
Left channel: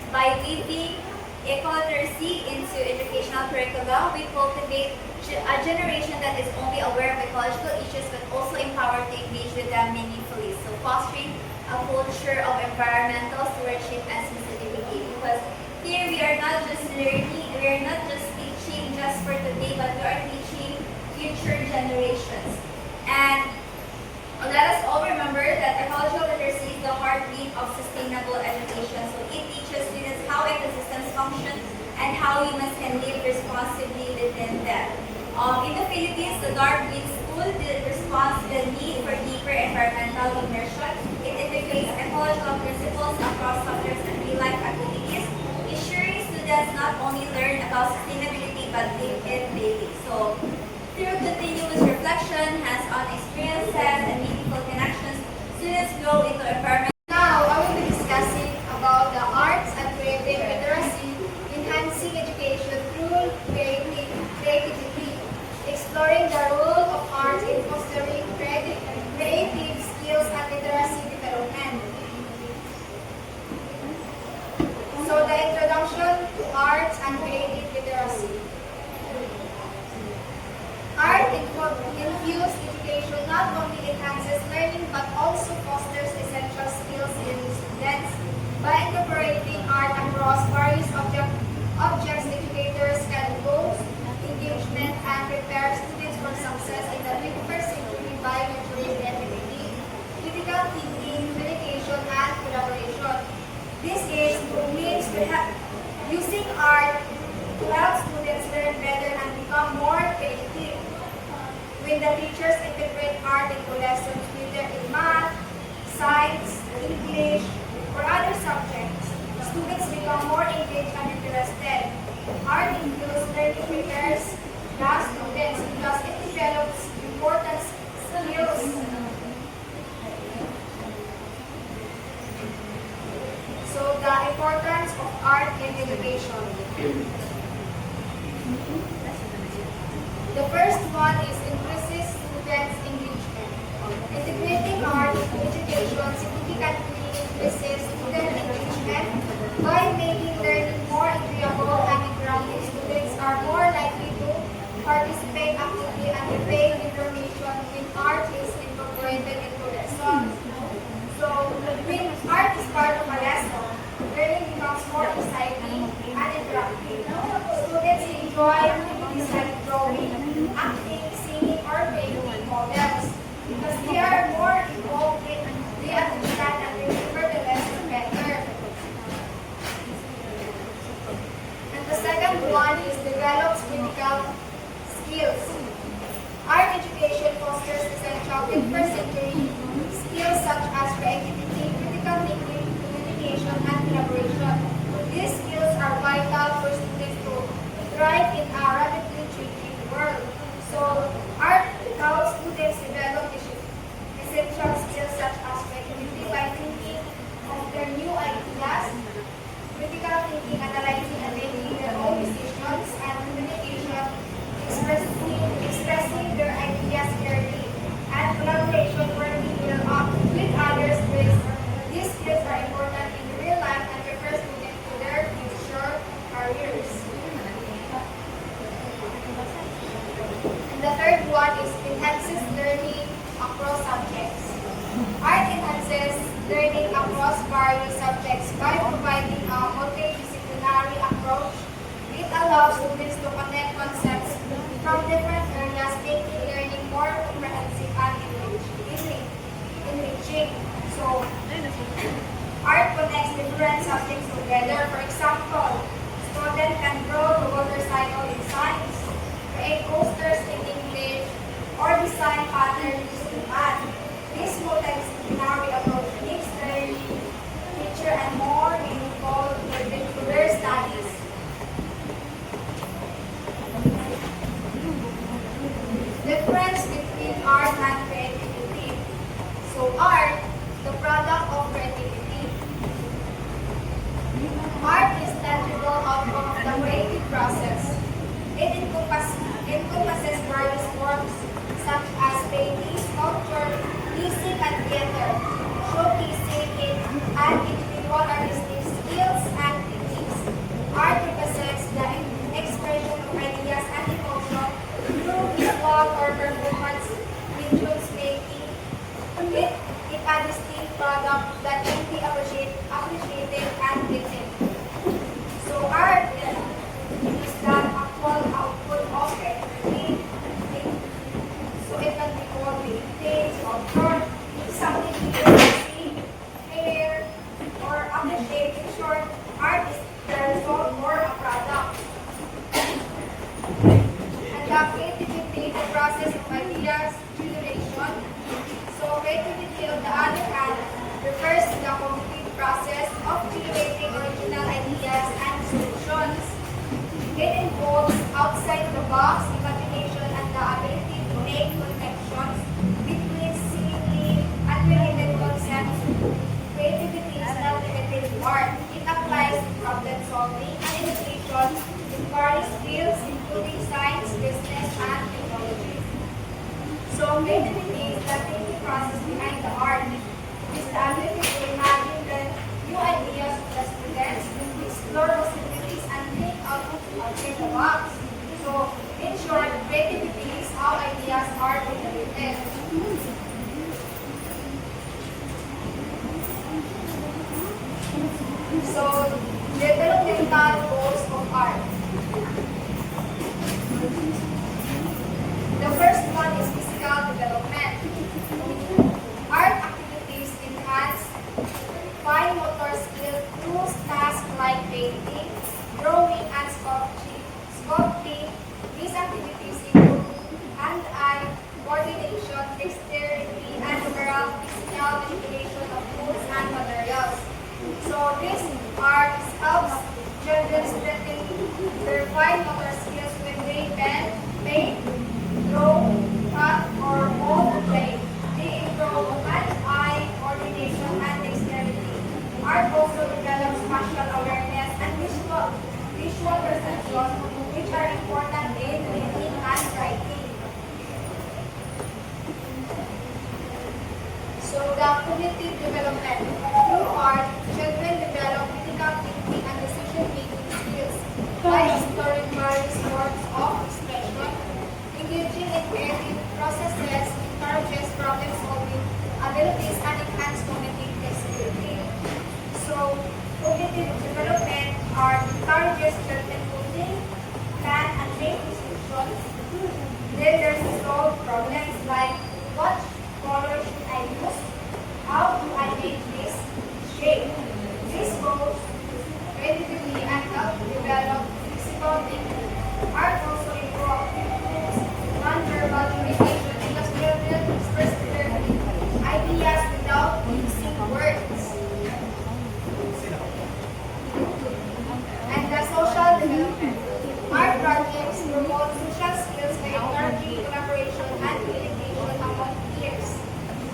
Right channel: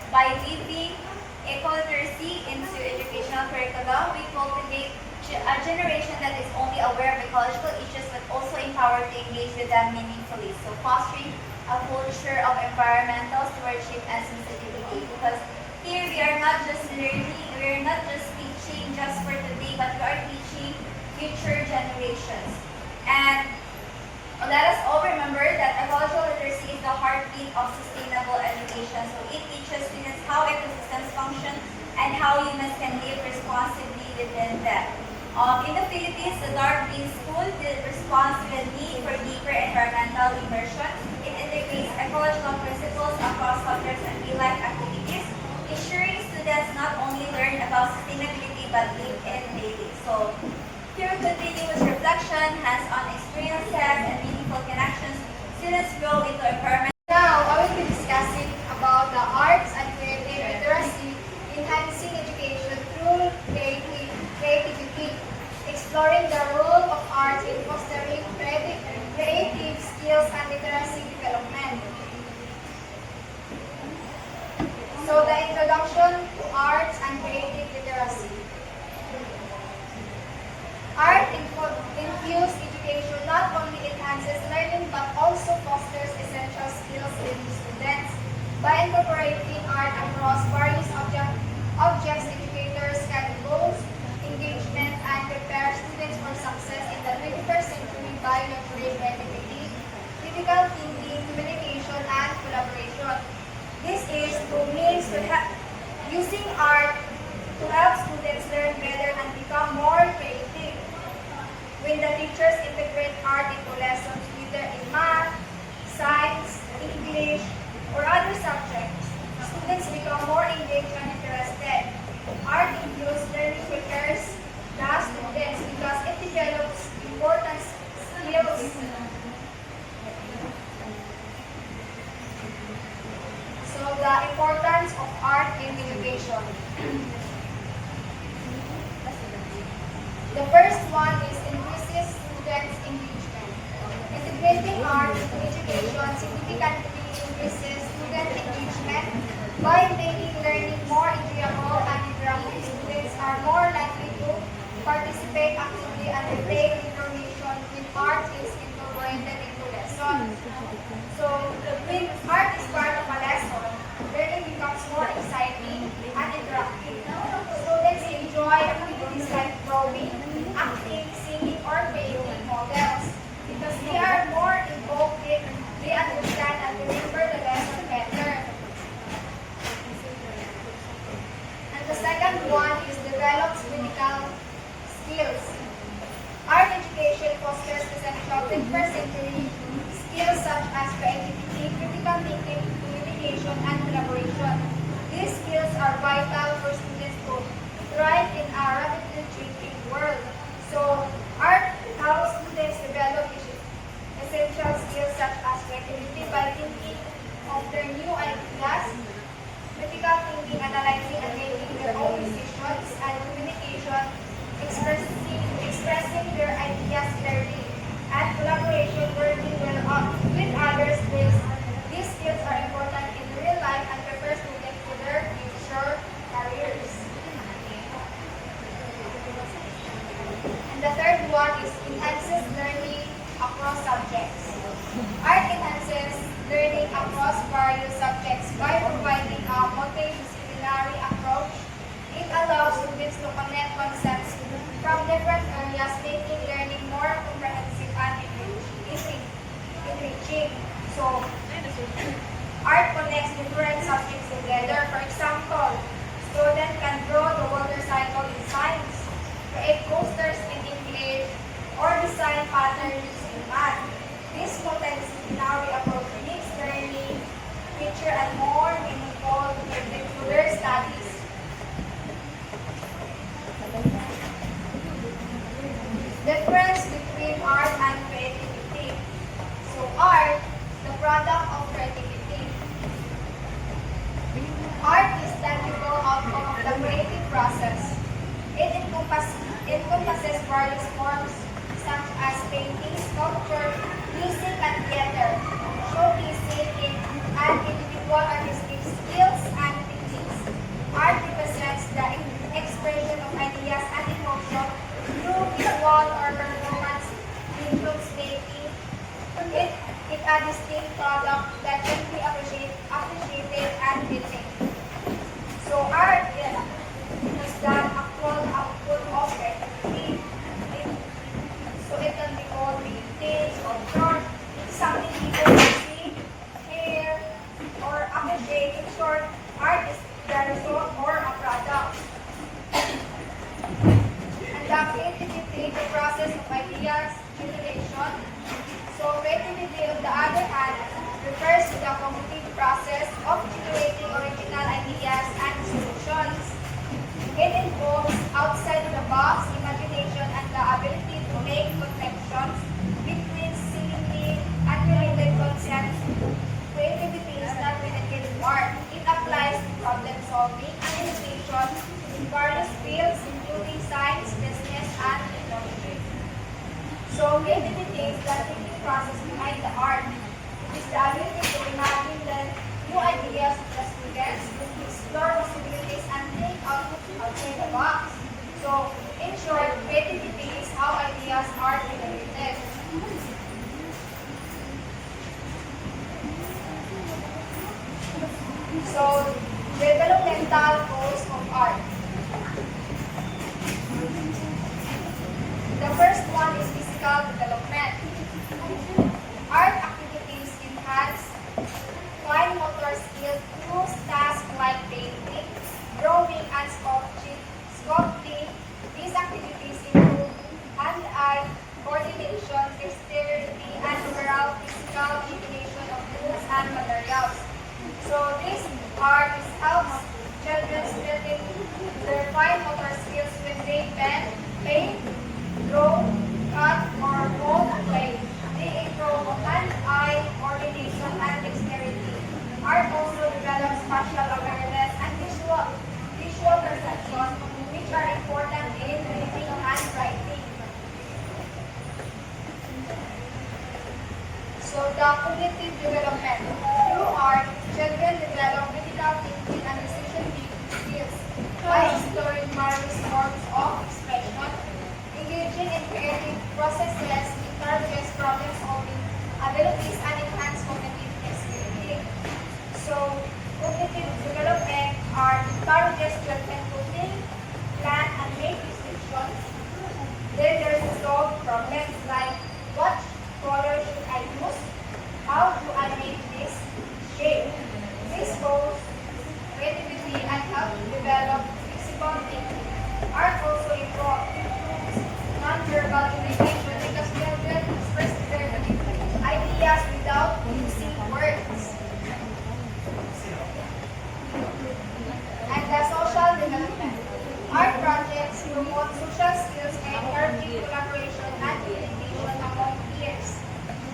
By weaving eco-literacy into educational curricula, we cultivate a generation that is only aware of ecological issues but also empowered to engage with them meaningfully. So fostering a culture of environmental stewardship and sensitivity. Because here we are not just learning, we are not just teaching just for today, but we are teaching future generations. And let us all remember that ecological literacy is the heartbeat of sustainable education. So it teaches students how ecosystems function and how humans can live responsibly within them. In the Philippines, the Dark Green School responds to the need for deeper environmental immersion. It integrates ecological principles across subjects and real-life activities, ensuring students not only learn about sustainability but live it daily. So, through continuous reflection, hands-on experiences, and meaningful connections, students grow into environment. Now, I will be discussing about the arts and creative literacy, enhancing education through creativity, exploring the role of art in fostering creative skills and literacy development. So, the introduction to arts and creative literacy. Art infused education not only enhances learning but also fosters essential skills in education. The first one is increases students' engagement. Integrating art into education significantly increases student engagement by making learning more enjoyable and interactive. Students are more likely to participate actively and retain information when art is incorporated into lessons. So, when art is part of a lesson, learning becomes more exciting and interactive. Students enjoy activities like drawing, acting, singing, or creating models because they are more involved in, they understand and remember the lesson better. And the second one is develops critical skills. Art education fosters essential 21st century skills such as creativity, critical thinking, communication, and collaboration. These skills are vital for students to thrive in a rapidly changing world. So, art helps students develop essential skills such as creativity by thinking of their new ideas, critical thinking, analyzing and making their own decisions, and communication, expressing their ideas clearly, and collaboration, working with others. These skills are important in real life and prepare students for their future careers. And the third one is enhances learning across subjects. Art enhances learning across various subjects by providing a multidisciplinary approach. It allows students to connect concepts from different areas, making learning more comprehensive and enriching. So, art connects different subjects together. For example, students can draw the water cycle in science, create posters in English, or design patterns using math. This multidisciplinary approach makes learning richer and more meaningful to their studies. Difference between art and creativity. So art, the product of creativity. Art is tangible outcome of the creative process. It encompasses various forms such as painting, sculpture, music, and theater, showcasing and individual artistic skills and techniques. Art represents the expression of ideas and emotion through visual or performance mediums, making it a distinct product that can be appreciated and enjoyed. So art is the actual output of creativity. So it can be called painting, sculpture, something people can see, hair, or appreciate. In short, art is the result or a product. And the creativity is the process of ideas generation. So creativity, on the other hand, refers to the cognitive process of generating original ideas and solutions. It involves outside the box imagination and the ability to make connections between seemingly unrelated concepts. Creativity is not limited to art. It applies to problem solving and education in various fields, including science, business, and technology. So creativity is the thinking process behind the art. It is the ability to imagine the new ideas of the students, explore possibilities, and think outside the box. So, in short, creativity is how ideas are generated. So, developmental goals of art. The first one is physical development. Art activities enhance fine motor skills through tasks like painting, drawing, and sculpting. These activities improve hand-eye coordination, dexterity, and overall physical manipulation of tools and materials. So this art helps children strengthen their fine motor skills when they bend, paint, draw, cut, or mold clay. They improve hand-eye coordination and dexterity. Art also develops spatial awareness and visual the cognitive development. Through art, children develop critical thinking and decision-making skills by exploring various forms of expression, engaging in creative processes, encourages problem-solving abilities, and enhance cognitive flexibility. So, cognitive development art encourages children to think, plan, and make decisions. Then there's to solve problems like what color should I use? How do I make this shape? This goes creativity and help develop physical thinking. Art also involves non-verbal communication because children express their ideas without using words. And the social development. Art projects promote social skills by encouraging collaboration and communication among peers.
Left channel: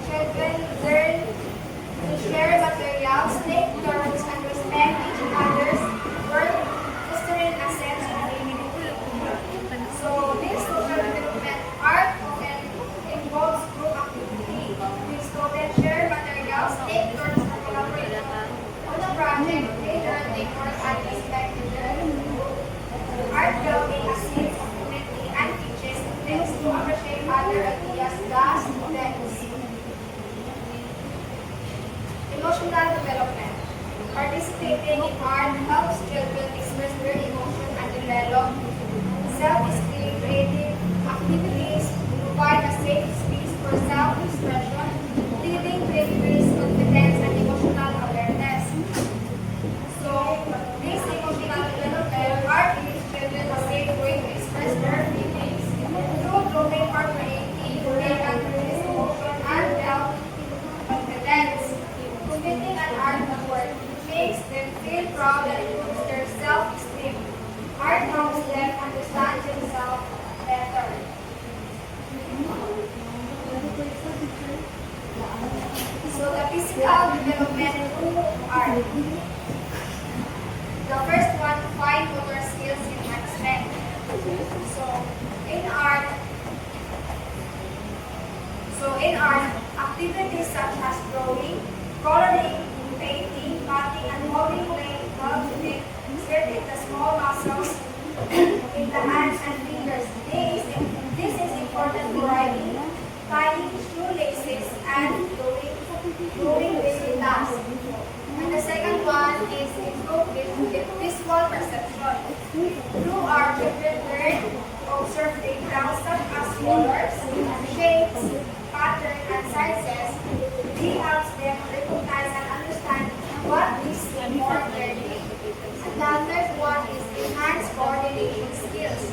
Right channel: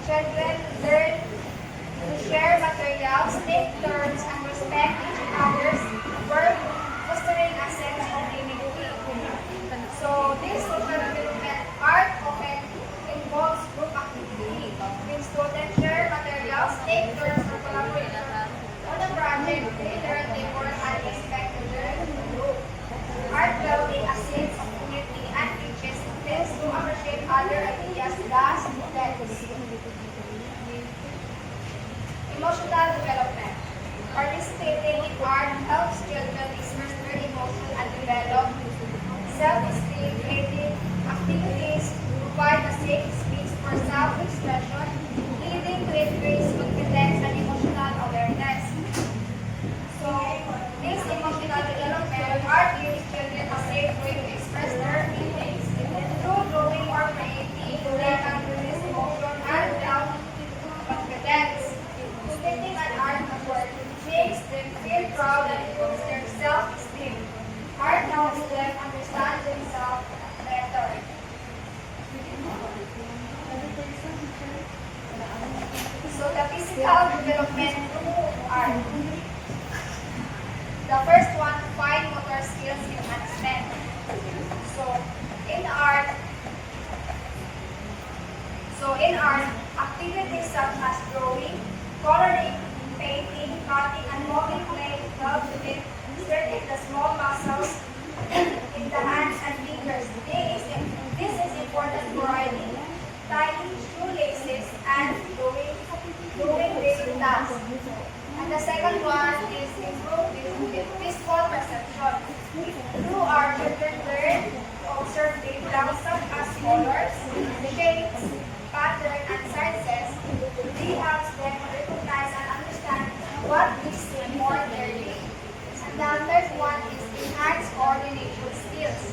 Children learn to share materials, take turns, and respect each other's work, fostering a sense of unity. So, this social development art often involves group activity. When students share materials, take turns, and collaborate on a project, they learn teamwork and respect in their group. Art building a sense of unity and teaches students to appreciate other ideas thus students. Emotional development. Participating in art helps children express their emotion and develop self-esteem. Creative activities provide a safe space for self-expression, leading to increased confidence and emotional awareness. So, this emotional development art gives children a safe way to express their feelings. Through drawing or painting, they can release emotion and build confidence. Committing an art award makes them feel proud and improves their self-esteem. Art helps them understand themselves better. So the physical development through art. The first one, fine motor skills enhancement. So in art, activities such as drawing, coloring, painting, cutting, and molding clay help to exerting the small muscles in the hands and fingers. This is important for writing, tying shoelaces, and doing basic tasks. And the second one is improve with visual perception. Through art, children learn to observe details such as colors, shapes, patterns, and sizes. This helps them recognize and understand what they see more clearly. And the third one is enhanced coordination skills.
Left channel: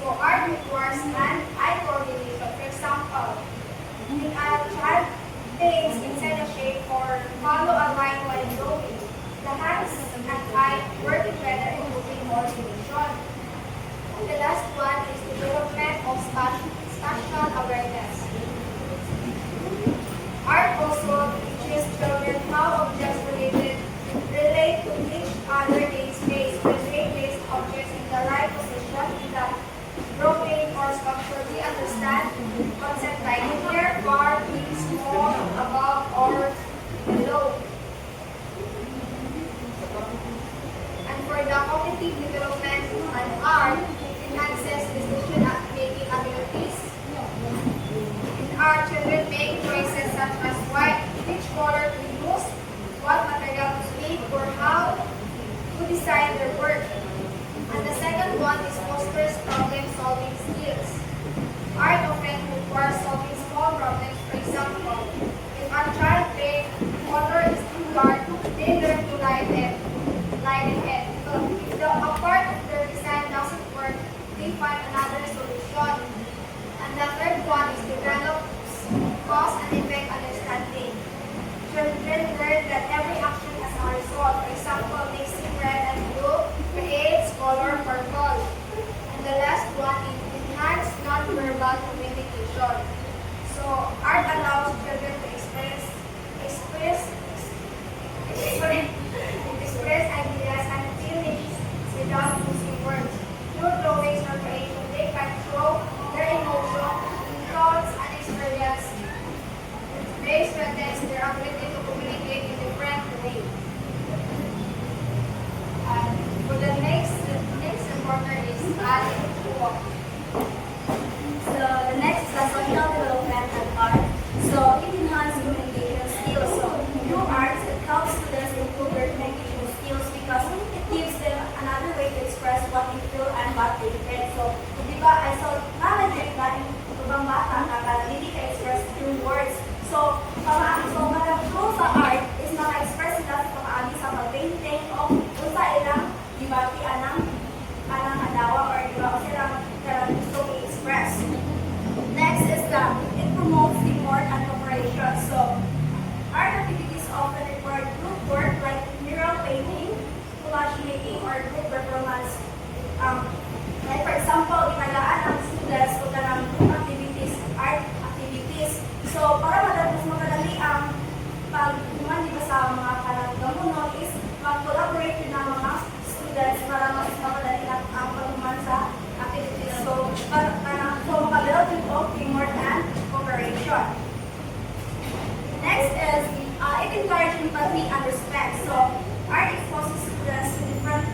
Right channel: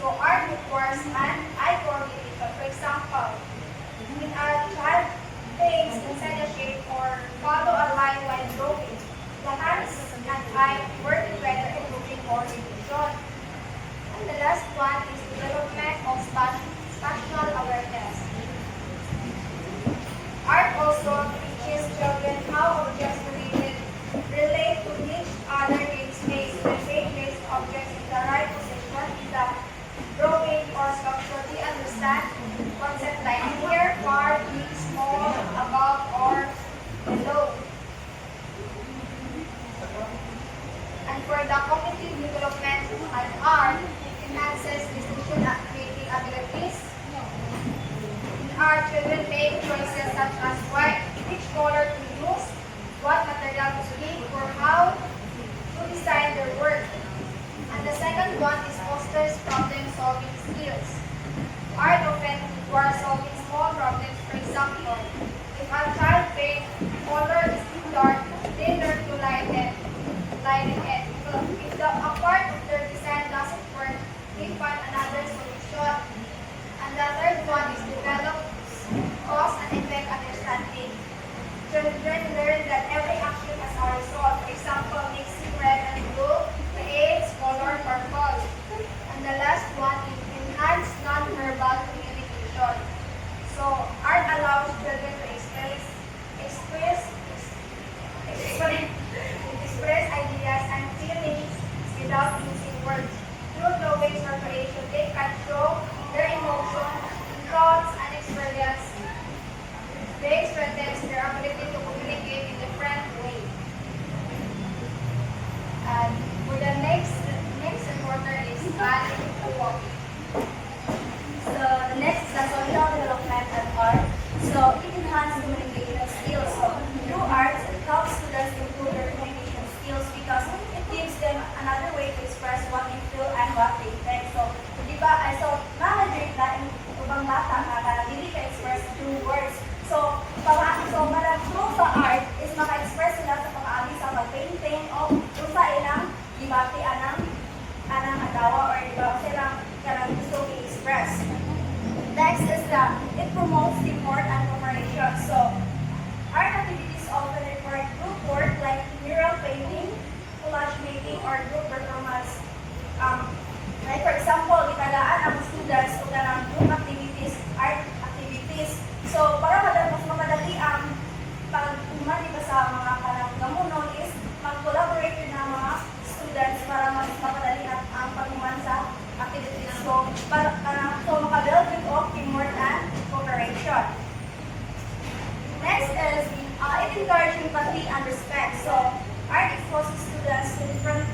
So art requires hand-eye coordination. For example, when a child paints inside a shape or follow a line while drawing, the hands and eye work together improving coordination. And the last one is development of spatial awareness. Art also teaches children how objects relate to each other in space. When they place objects in the right position in the drawing or sculpture, they understand concepts like near, far, big, small, above, or below. And for the cognitive development and art, enhances decision-making abilities. In art, children make choices such as which color to use, what material to speak, or how to design their work. And the second one is fosters problem-solving skills. Art often requires solving small problems. For example, if a child paints color is too dark, they learn to lighten it. If a part of their design doesn't work, they find another solution. And the third one is develops cause and effect understanding. Children learn that every action has a result. For example, mixing red and blue creates color purple. And the last one is enhanced non-verbal communication. So art allows children to express ideas and feelings without using words. Through drawings or creation, they can show their emotion, thoughts, and experience. They strengthen their encourage empathy and respect. So, art exposes students to different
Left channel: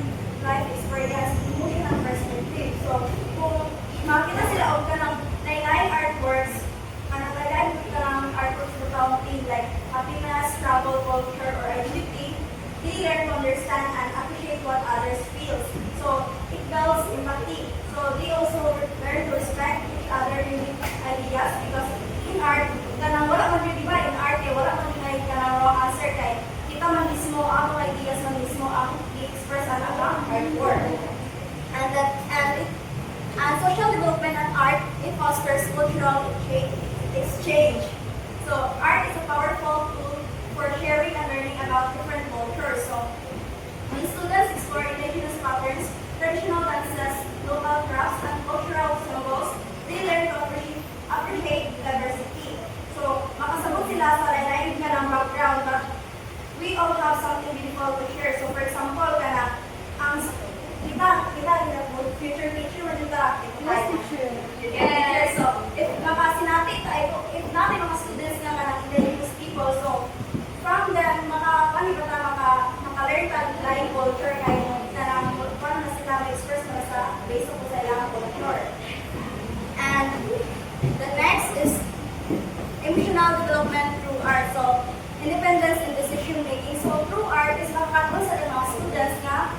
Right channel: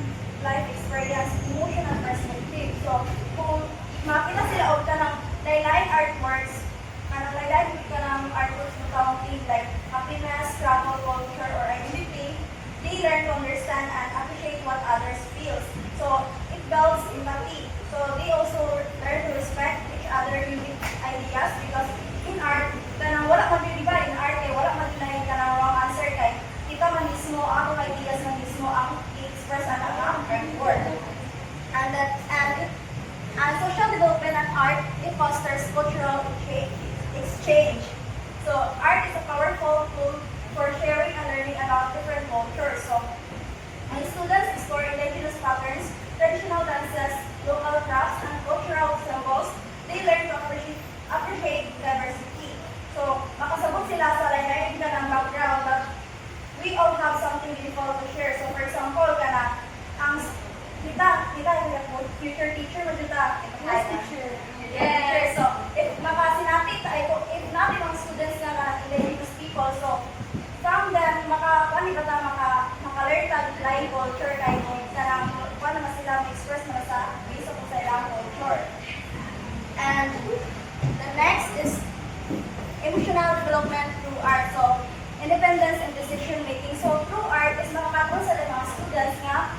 life experience, emotion, and perspective. So, kung makita sila o ka ng lain-lain artworks, lain-lain ka ng artworks na counting like happiness, travel, culture, or identity, they learn to understand and appreciate what others feel. So, it builds empathy. So, they also learn to respect each other unique ideas because in art, kanang wala man din, di ba? In art, wala man din na kanang wrong answer kay kita man mismo, ang ideas man mismo ang i-express ang artwork. And social development and art, it fosters cultural exchange. So, art is a powerful tool for sharing and learning about different cultures. So, when students explore indigenous patterns, traditional dances, local crafts, and cultural symbols, they learn to appreciate diversity. So, makasabot sila sa lain-lain ka ng background, but we all have something beautiful to share. So, for example, ang future teacher mo dito. Yes, teacher. Yes. So, if natin mga students nga na indigenous people, so, from them, maka-learn ka lain culture kayo mo, paano na sila ma-express mo sa based on sa ilang culture. And the next is emotional development through art. So, independence and decision making. So, through art is makakatulong sa mga students nga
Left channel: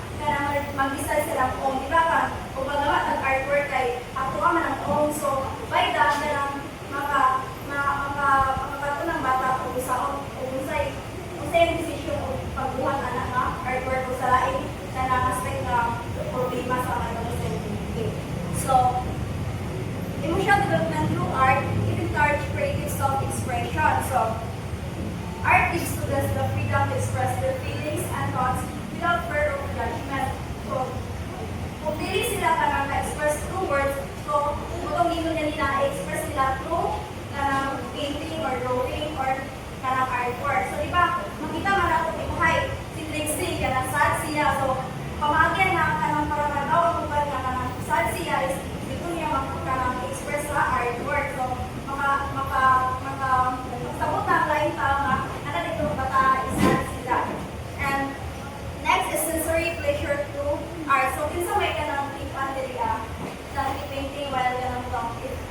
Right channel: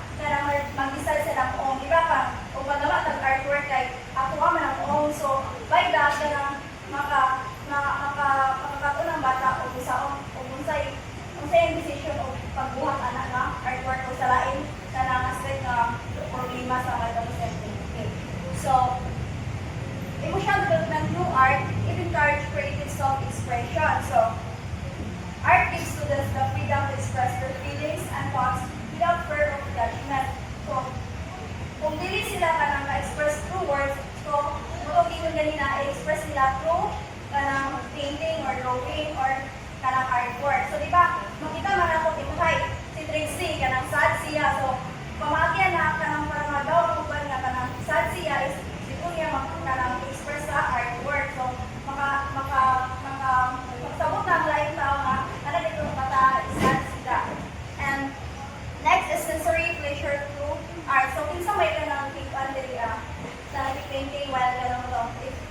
mag-decide silang own. Di ba ka? O magawa ng artwork kay atuwa man ang own. So, by that, makakatulong ng bata kung unsay yung decision o pagbuhat anak nga artwork o sa lain na aspect na problema sa mga sa So, emotional development through art, it encourages creative self-expression. So, art gives students the freedom to express their feelings and thoughts without fear of judgment. So, kung dili sila ka nang na-express through words, so, kung dili nila na-express nila through kanang painting or drawing or kanang artwork. So, di ba, makita man ako ituhay, si Trixie, kanang sad siya. So, pamagyan na kanang parang magawa kung ba na kanang sad siya is dito niya kanang express sa artwork. So, sabot na ang lain tama, na dito bata sad sila. And next is sensory pleasure through art. So, kinsa may kanang pikan diri na painting while kanang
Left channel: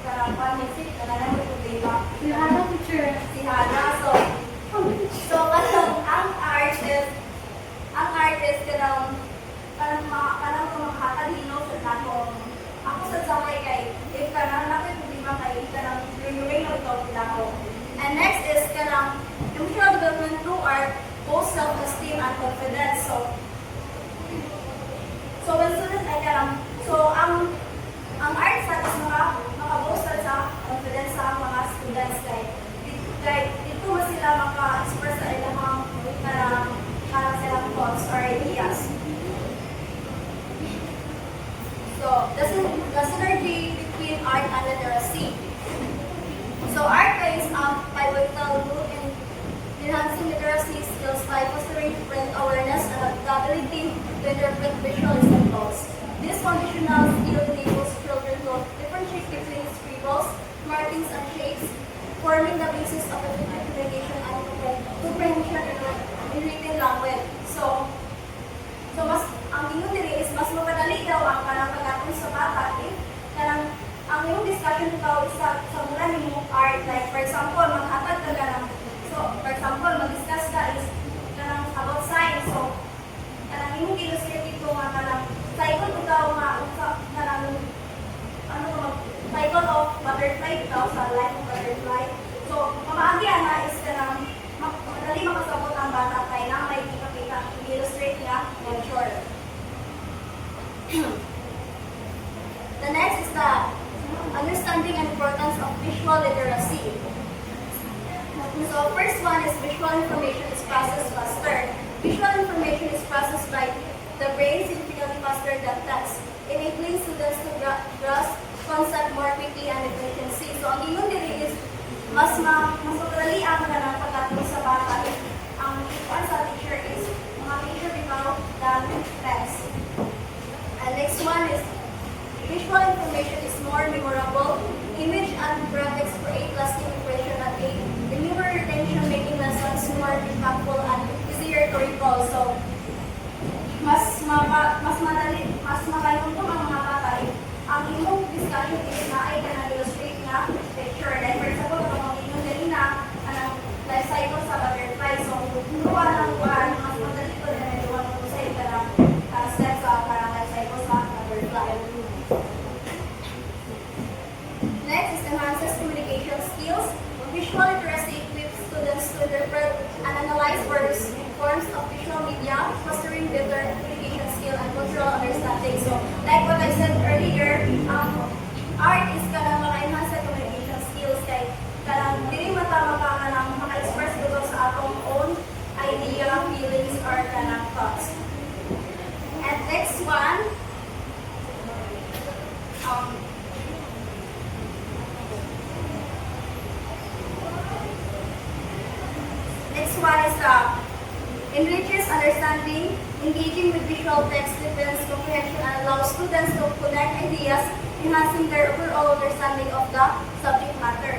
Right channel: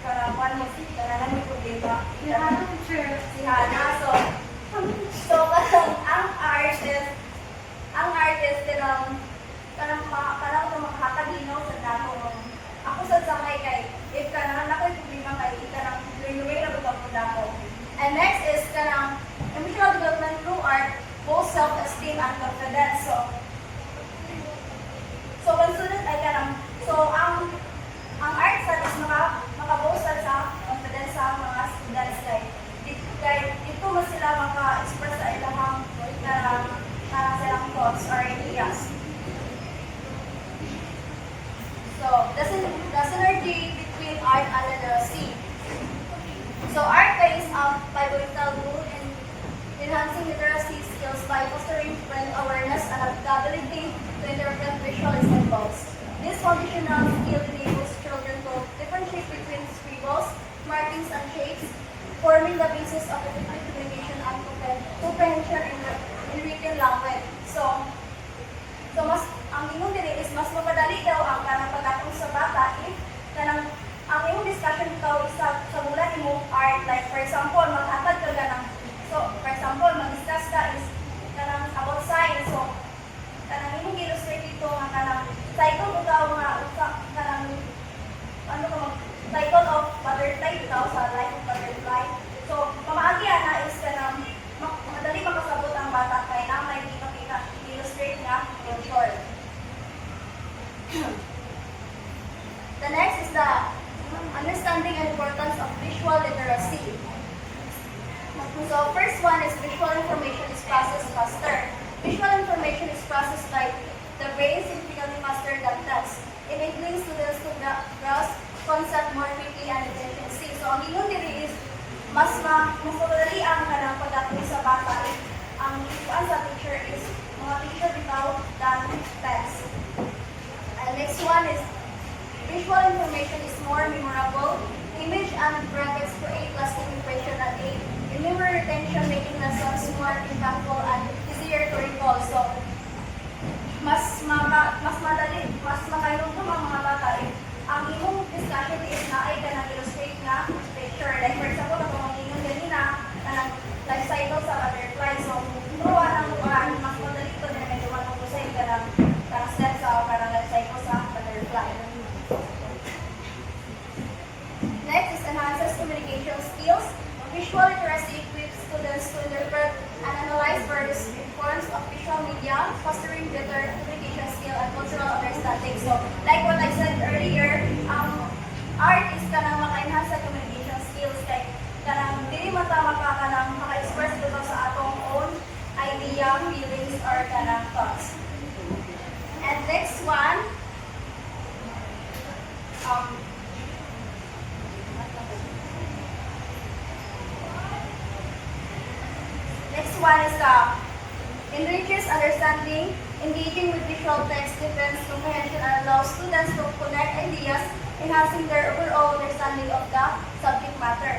karapan music kanang problema. Si Hana. So kanang ang artist kanang makakadino sa dakong. Ako sa sakay kay if kanang nakoy problema kay kanang renewing lang ito sa dakong. And next is kanang emotional development through art, both self-esteem and confidence. So when students ay kanang ang art sa is maka-boost sa confidence sa mga students kay dito mo sila maka-express sa ilang silang thoughts or ideas. So, the synergy between art and literacy. So, art plays a pivotal role in enhancing literacy skills by fostering brand awareness and ability to interpret visual symbols. This foundational skill enables children to differentiate between scribbles, markings, and shapes, forming the basis of effective communication and comprehension in written language. So mas ang imong diri is mas mapadali daw ang kanang pagkatong sa bata if kanang ang imong discussion ikaw is sa mula nimo art, like for example maghatag ka kanang mag-discuss ka is kanang about science. So kanang imong illustrate ito nga kanang cycle utaw nga kanang cycle of butterfly utaw sa life of butterfly. So pamaagi na is kanang madali makasabot ang bata kay na may illustrate niya in short. The next is the understanding and importance of visual literacy. So first one is visual information is processed faster. Visual information is processed by the brain significantly faster than text, enabling students to grasp concept more quickly and efficiently. So ang ingon diri is mas mapadali ang kanang pagkatulong sa bata if ang ikuan sa teacher is mga picture bitaw than text. And next one is visual information is more memorable. Image and graphics create lasting impression and aid in memory retention, making lessons more impactful and makayong ang mga bata if ang imong discussion is na ay kanang illustrate na picture. Like for example, ang inyong dali na kanang life cycle sa butterfly. So, tuwa ng paan, mas madali ito na may tuwa ng kusay kanang step sa parang life cycle sa butterfly. Next is enhances communication skills. Visual literacy equips students to interpret and analyze words in forms of visual media, fostering better communication skill and cultural understanding. So, like what I said earlier, art is kanang maka-enhance sa communication skills. Like, kanang dili matama ka kanang maka-express ito sa atong own idea, feelings, or kanang thoughts. And next one, is enriches understanding, engaging with visual text, deepens comprehension, and allows students to connect ideas, enhancing their overall understanding of the subject matter.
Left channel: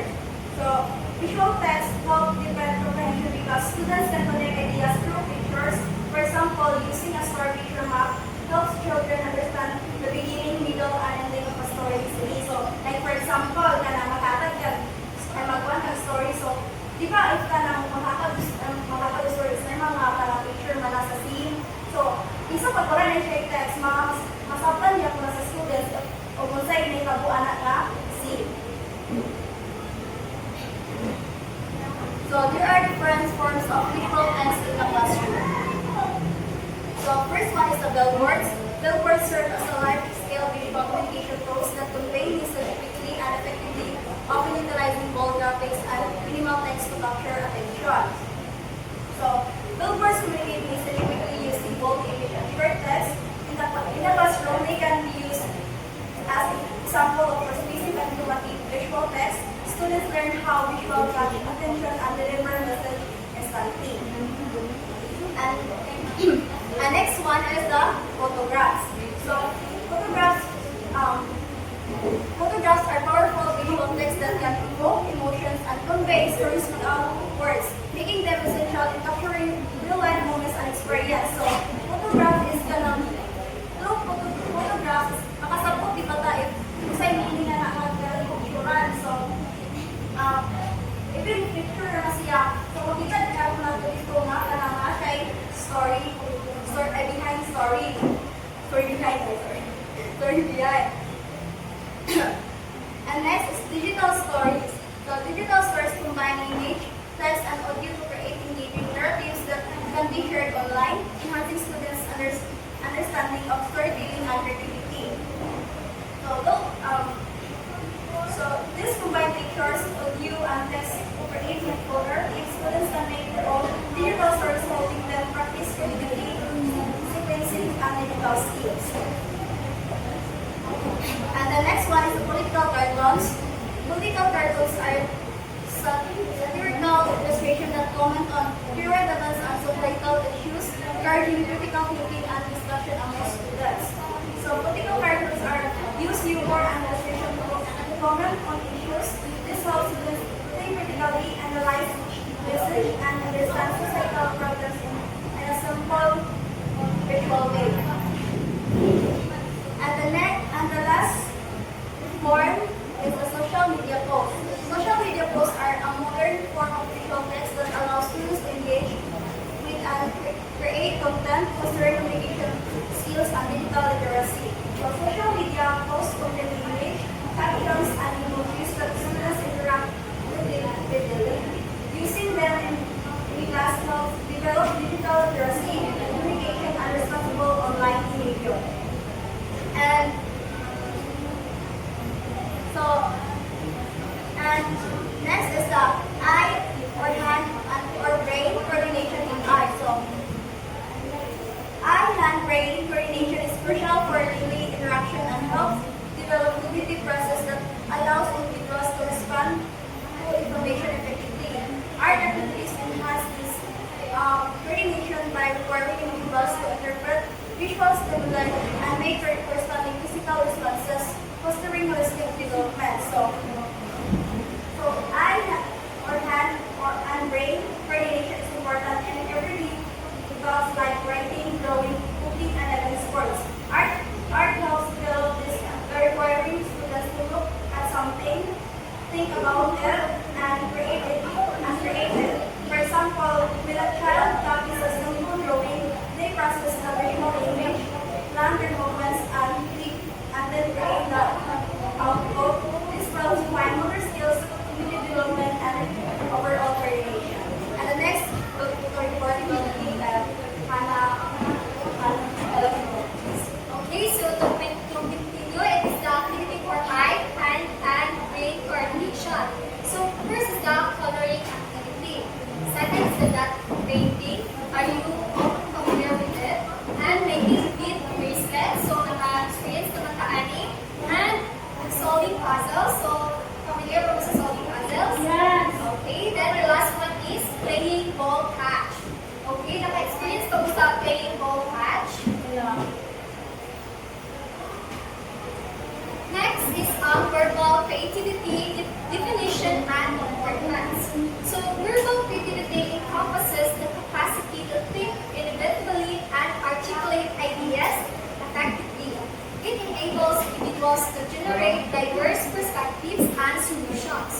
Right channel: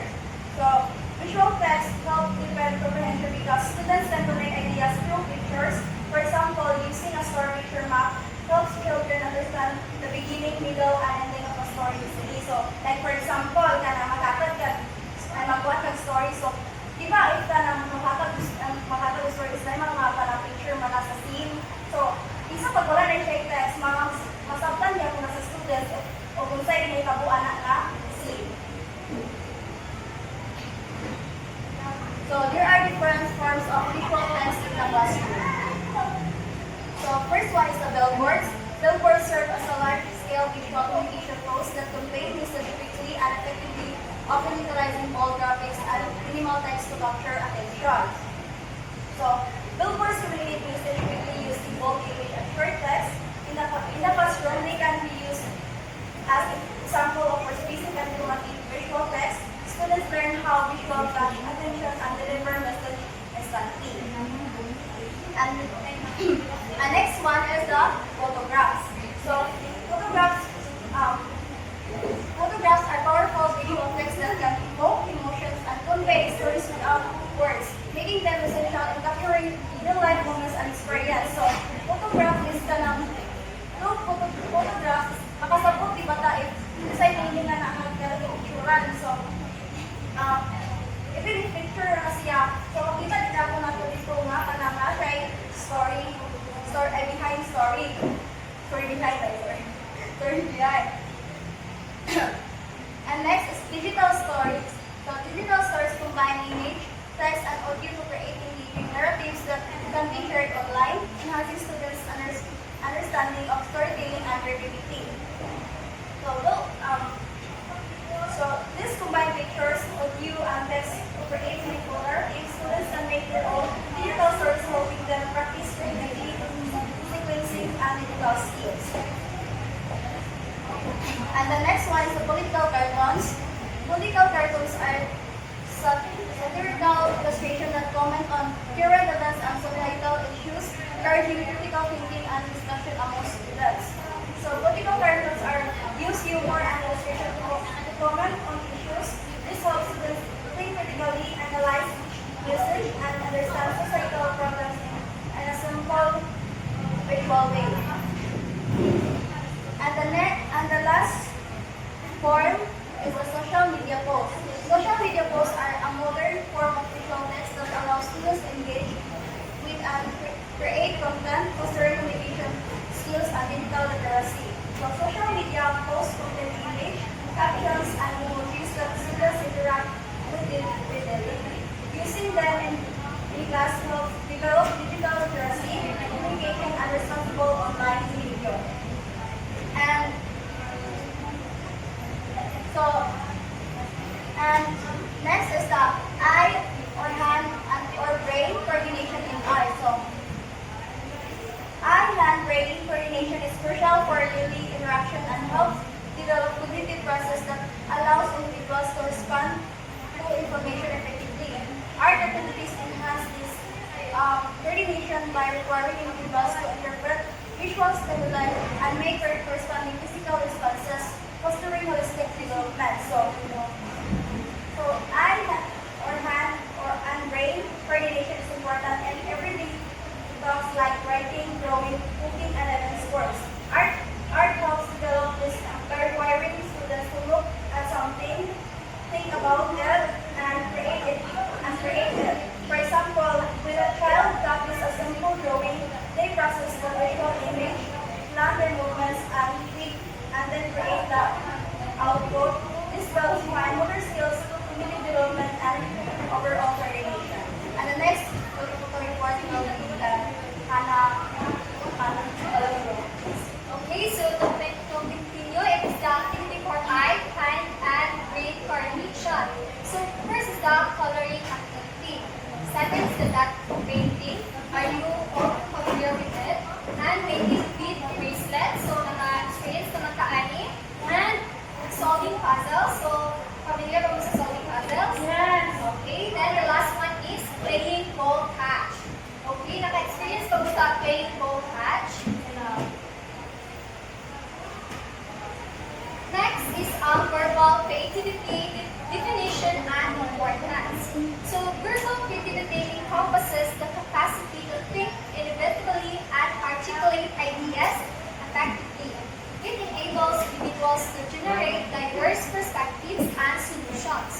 So, visual text help deepen comprehension because students can connect ideas through pictures. For example, using a story picture map helps children understand the beginning, middle, and ending of a story easily. So, like for example, kana makatag ka, ay magkuhan kang story. So, di ba, if ka nang makatag stories na mga parang picture man sa scene. So, isang pagkula na siya yung text, masabtan niya kung sa students o kung sa'yo may kabuan na nga scene. So, there are different forms of visual text in the classroom. So, first one is the billboards. Billboards serve as a large-scale visual communication tools that convey message quickly and effectively, often utilizing bold graphics and minimal text to capture attention. So, billboards communicate message quickly using bold image and short text. In the classroom, they can be used as an example of for spacing and automatic visual text. Students learn how visual catch attention and deliver message instantly. And next one is the photographs. So, photographs are powerful visual texts that can evoke emotions and convey stories without words, making them essential in capturing real-life moments and experience. So, photograph is through photographs, makasabot di ko tayo, sa meaning na picturean. So, even picture na siya. So, makita na ako na dito nga, kanang siya story behind story. Story behind. And next is digital stories. So, digital stories combine image, text, and audio to create engaging narratives that can be shared online, enhancing students' understanding of storytelling and creativity. So, this combined pictures, audio, and text to create a folder. If students can make their own digital stories, helping them practice creativity, sequencing, and digital skills. And the next one is the political cartoons. Political cartoons are satirical illustration that comment on current events and societal issues, encouraging critical thinking and discussion among students. So political cartoons are use humor and illustration to comment on issues. This helps students think critically, analyze message, and understand societal problems in a simple visual way. And the last form is a social media post. Social media posts are a modern form of visual text that allows students to engage with and create content, fostering communication skills and digital literacy. So social media posts contain image, captions, and emojis that students interact with daily. Using them in class helps develop digital literacy, communication, and responsible online behavior. And next is the eye or hand or brain coordination in eye. So eye-hand brain coordination is crucial for daily interaction and helps develop cognitive process that allows individuals to respond to information effectively. Art activities enhance this coordination by requiring individuals to interpret visual stimuli and make corresponding physical responses, fostering holistic development. So eye or hand and brain coordination is important in everyday tasks like writing, drawing, cooking, and even sports. Art Are you all familiar with it? And making bead bracelets, so naka-experience naman kaani. And solving puzzles, so familiar ba mo sa solving puzzles? Yes. Okay, then the last one is playing ball catch. Okay, naka-experience ba mo sa playing ball catch? Next is verbal creativity definition and importance. So verbal creativity encompasses the capacity to think innovatively and articulate ideas effectively. It enables individuals to generate diverse perspectives and solutions,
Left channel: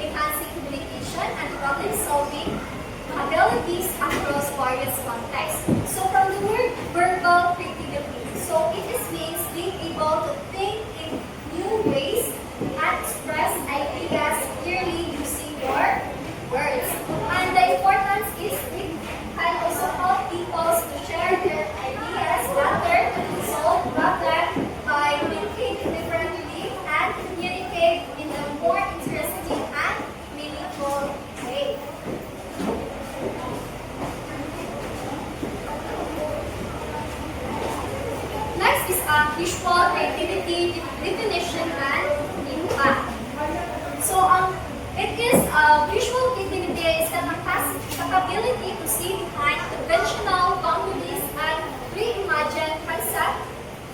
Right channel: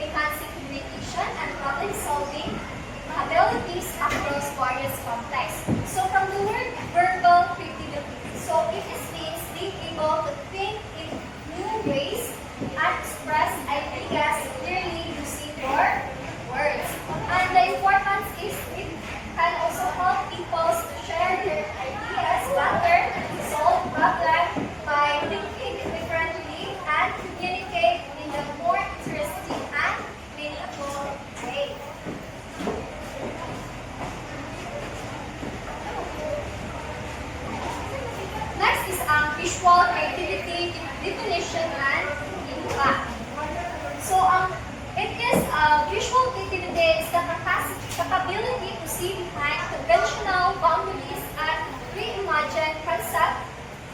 enhancing communication and problem-solving abilities across various contexts. So from the word verbal creativity, so it just means being able to think in new ways and express ideas clearly using your words. And the importance is it can also help people to share their ideas better, solve problems by thinking differently, and communicate in a more interesting and meaningful way. Next is visual creativity definition and impact. So it is visual creativity is the capability to see behind conventional boundaries and reimagine concepts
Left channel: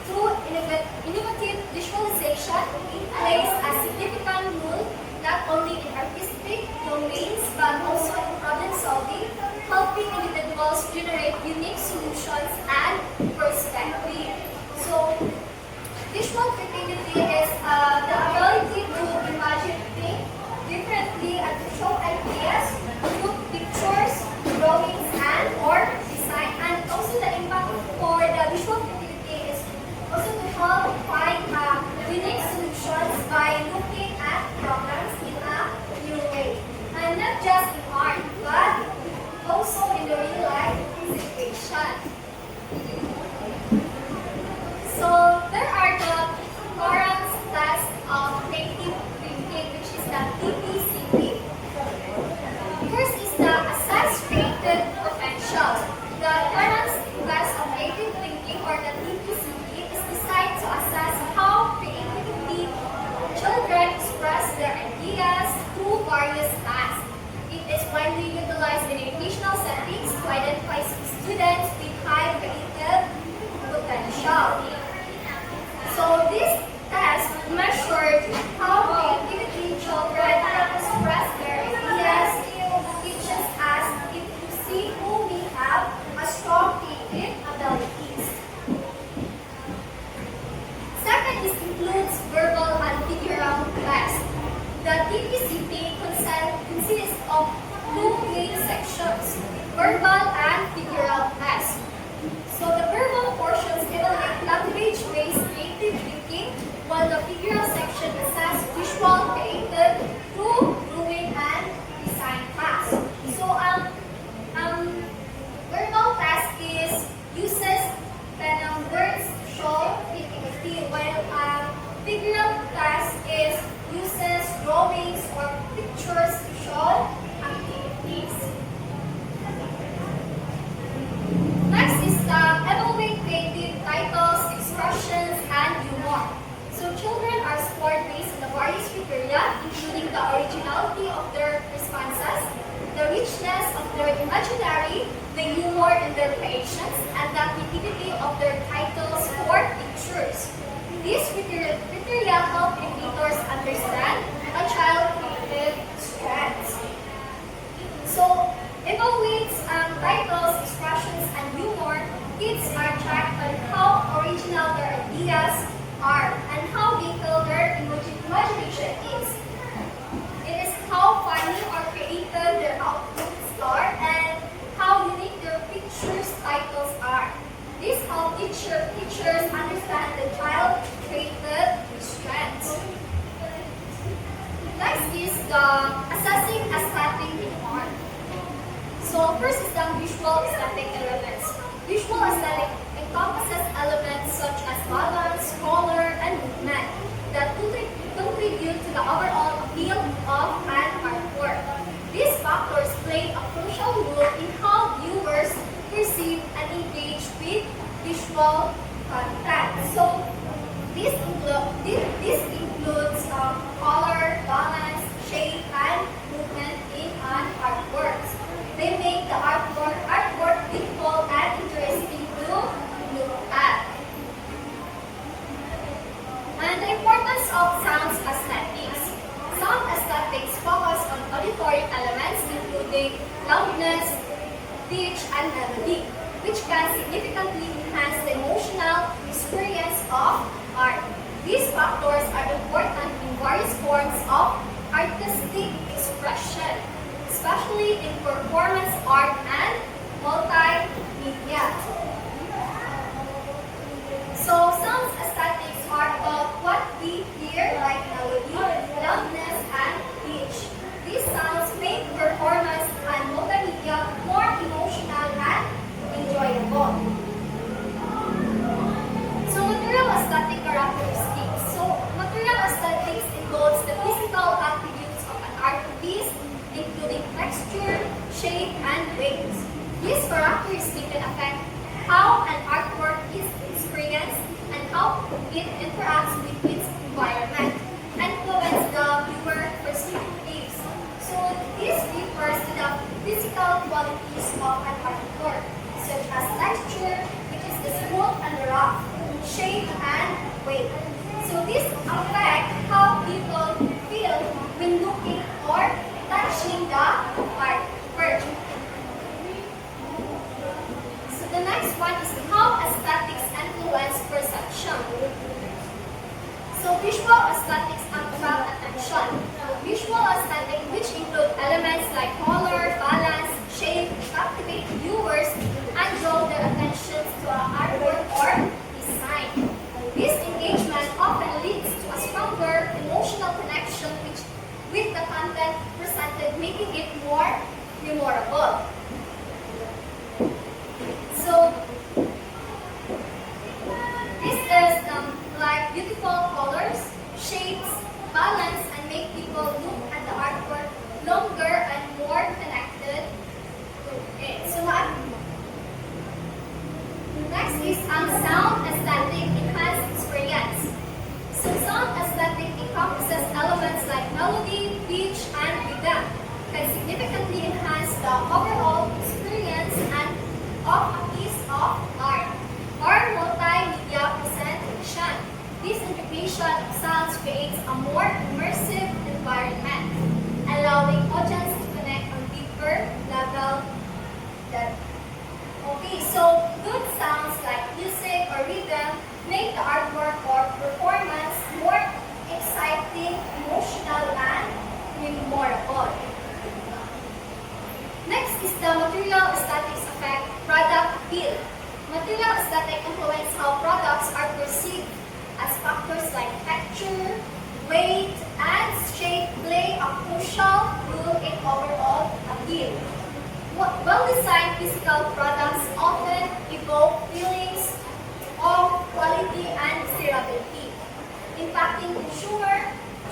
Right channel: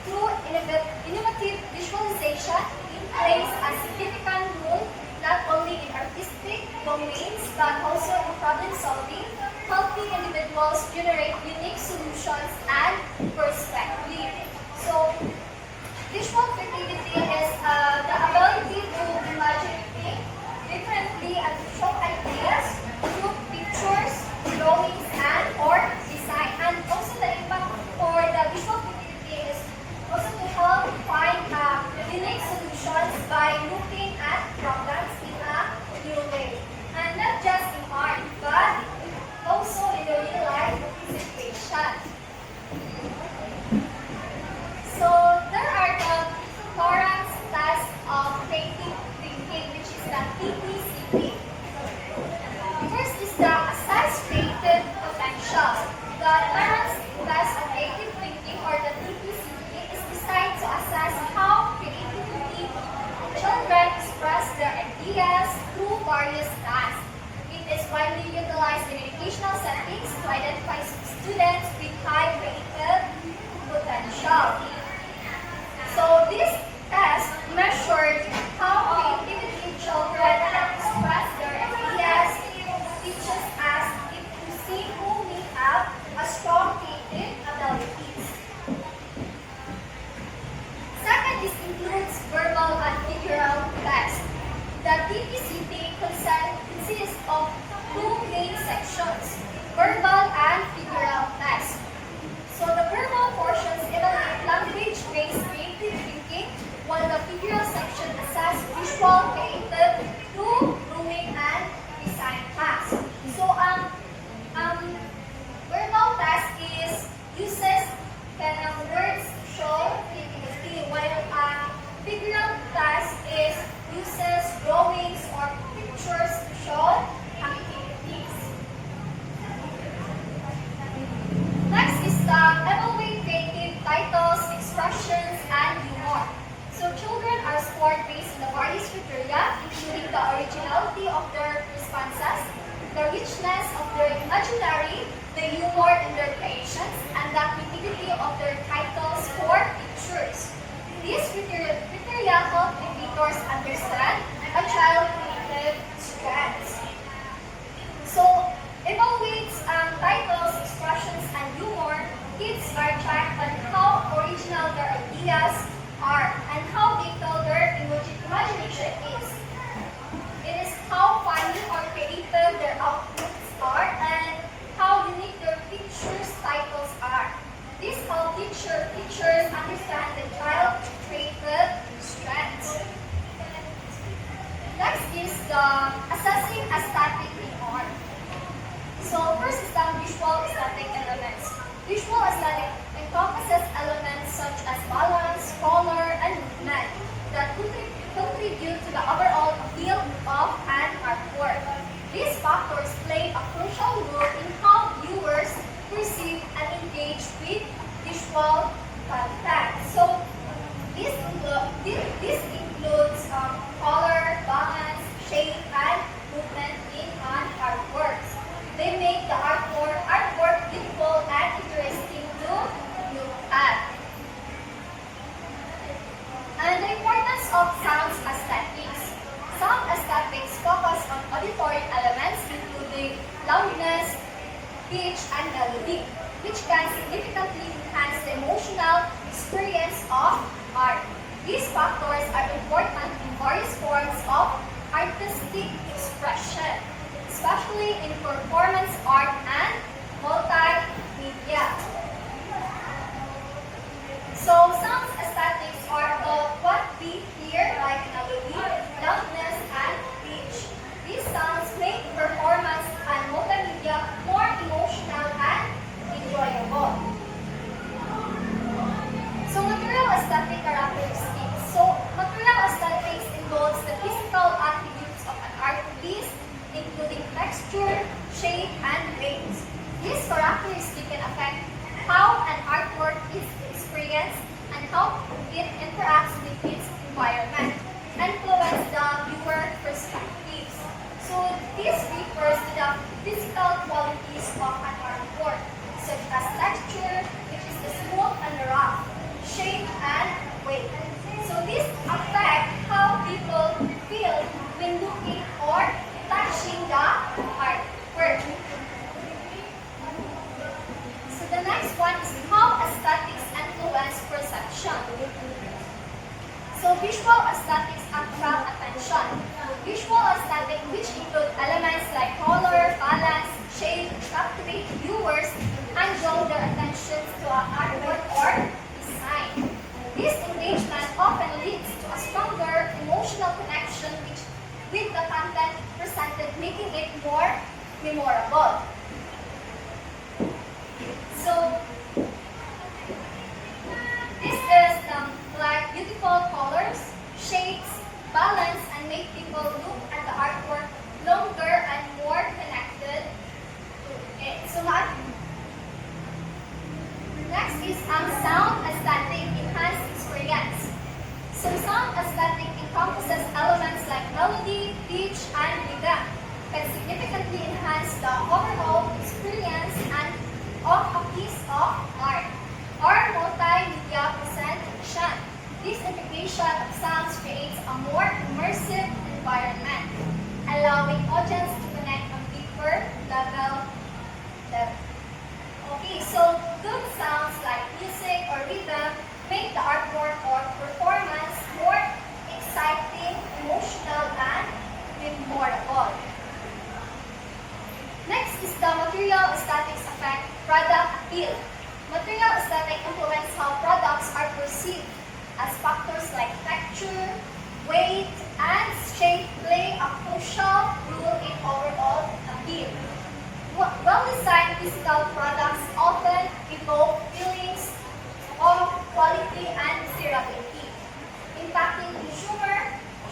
through innovative visualization. It plays a significant role not only in artistic domains but also in problem solving, helping individuals generate unique solutions and perspectives. So, visual creativity is the ability to imagine things differently and visual ideas through pictures, drawings, and or design. And also the impact for the visual creativity is also to help find unique solutions by looking at problems in a new way. And not just in art, but also in the real life situation. So there are the Torrance test of creative thinking, which is the TPCP. First is the assess creative potential. The Torrance test of creative thinking, or the TPCP, is designed to assess how creatively children express their ideas through various tasks. It is widely utilized in educational settings to identify students with high creative potential. So this test measured how creatively children can express their ideas. It teaches us if to see who we have a strong creative abilities. Second is includes verbal and figural test. The TPCP consists of two main sections, verbal and figural test. So the verbal portions evaluate language-based creative thinking, while the figural section assess visual creative through drawing and design tasks. So verbal test is uses words to show creativity, while figural test is uses drawings or pictures to show activities. Next is the evaluate creative titles, expressions, and humor. So children are scored based on the various criteria, including the originality of their responses, the richness of their imaginary, the humor in their creations, and the creativity of their titles or pictures. These criteria help educators understand a child's creative strengths. So, evaluates titles, expressions, and humor. Kids are tracked on how original their ideas are and how detailed their imagination is. It is how funny or creative their outputs are and how unique their pictures titles are. This helps teachers understand the child's creative strengths. Next is the assessing aesthetic art. So first is the visual aesthetic elements. Visual aesthetic encompasses elements such as balance, color, and movement that contribute to the overall appeal of an artwork. These factors play a crucial role in how viewers factors are important in various forms of artistic expression, especially in performance art and multimedia. So sound aesthetics are about what we hear, like melody, loudness, and pitch. These sounds make performance and multimedia more emotional and enjoyable. So material aesthetic characteristics. So material aesthetics involves the physical attributes of an art piece, including texture, shape, and weight. These characteristics can affect how an artwork is experienced and how it interacts with its environment, influence the viewer perspectives. So this refers to the physical qualities of an artwork, such as texture, which is the smooth and rough, shape, and weight. So this affect how people feel when looking or touching the artwork. So the next one is how aesthetics influence perception. So visual aesthetics attract attention. Visual aesthetics, which include elements like color, balance, shape, captivate viewers and draw their attention to an artwork or design. This engagement often leads to a stronger emotional connection with the content presented, making it more memorable. So this is like beautiful colors, shapes, balance, and make people look at the artwork longer and more connected to it. So next is sound aesthetic enhanced experience. So sound aesthetic encompasses elements like melody, pitch, and rhythm, can significantly enhance the overall experience and of a piece of art or multimedia presentation. This integration of sounds creates a more immersive environment, allowing audience to connect on deeper level. Okay, so good sounds like music or rhythm make the artwork or performance more exciting, emotional, and memorable. Next is the material aesthetics affect product appeal. Material aesthetic influence how products are perceived, as factors like texture, weight, and shape play a crucial role in overall appeal. Well-designed physical products often evoke feelings of quality and durability, impacting consumer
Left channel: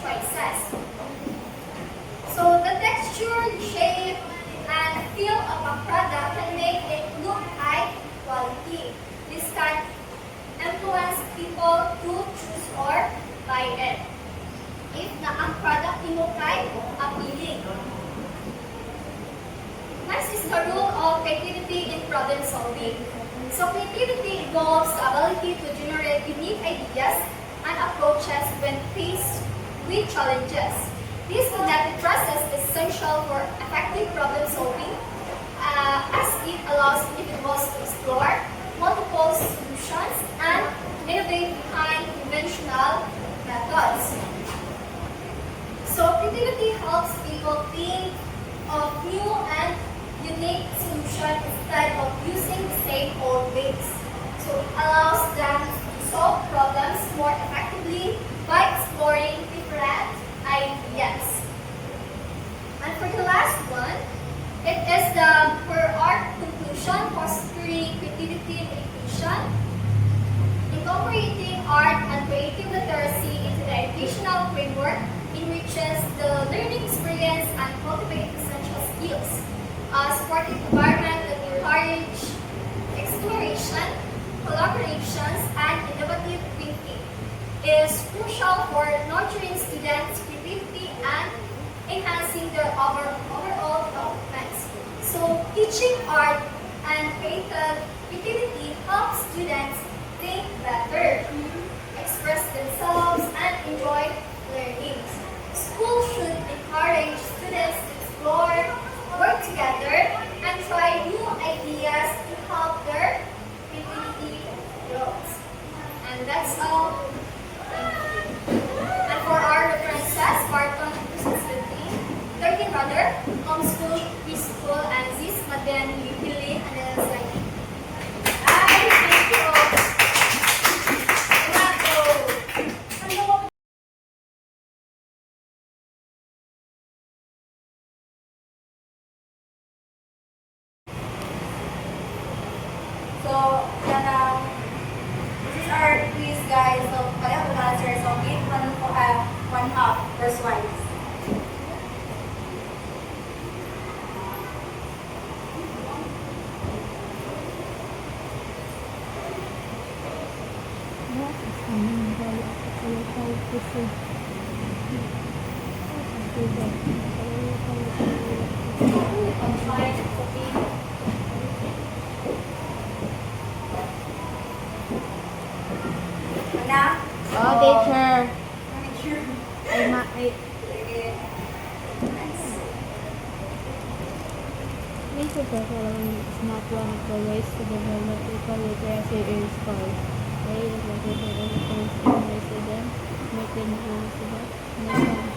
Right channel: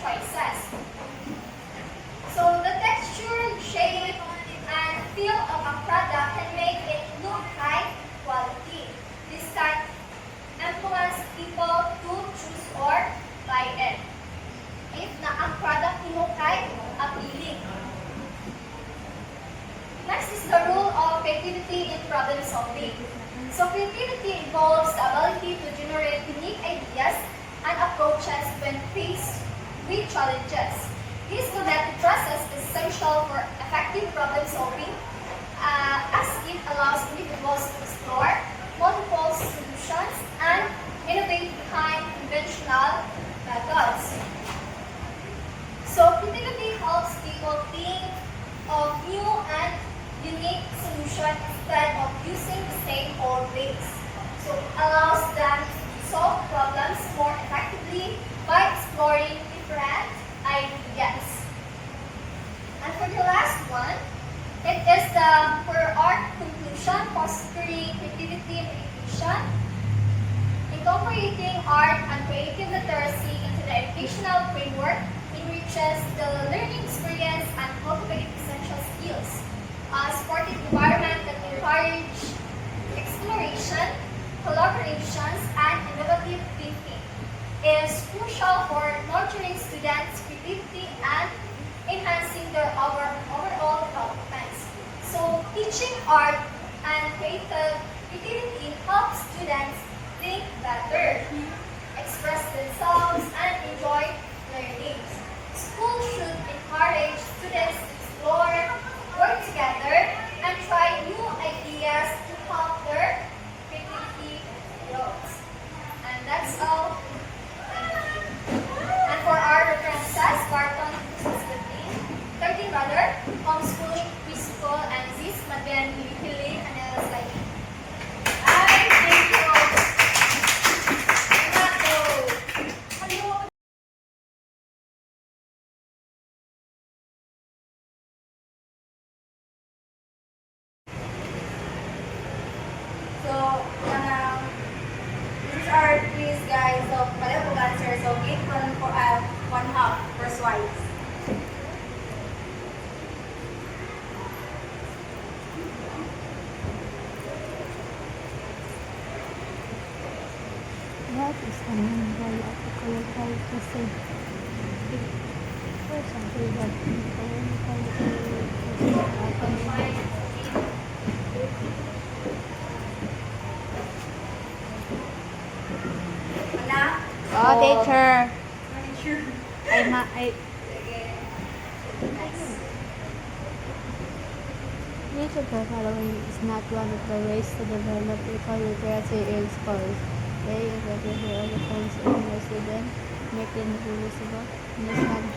choices. So the texture, shape, and feel of a product can make it look high quality. This can influence people to choose or buy it. If na ang product mo kay appealing. Next is the role of creativity in problem solving. So creativity involves the ability to generate unique ideas and approaches when faced with challenges. This connected process is essential for effective problem solving as it allows individuals to explore multiple solutions and innovate behind conventional methods. So creativity helps people think of new and unique solutions instead of using the same old ways. So it allows them to solve problems more effectively by exploring different ideas. And for the last one, it is the for art conclusion, fostering creativity and education, incorporating art and creative literacy into the educational framework enriches the learning experience and cultivates essential skills, supporting environment that encourage exploration, collaborations, and innovative thinking is crucial for nurturing students' creativity and enhancing their overall development. So teaching art and creativity helps students think better, express themselves, and enjoy learning. Schools should encourage students to explore, work together, and try new ideas to help their creativity grow. And that's all. Thank you. this is our quiz, guys. So, kaya kung answer. So, give one half first twice. What is the main goal of the political crusade? Na? Oh, teacher. Sure. Ay, Nice. which of the following is not one of the ways to develop equal literacy in schools? A. Effective education in resident, making reusable, nature.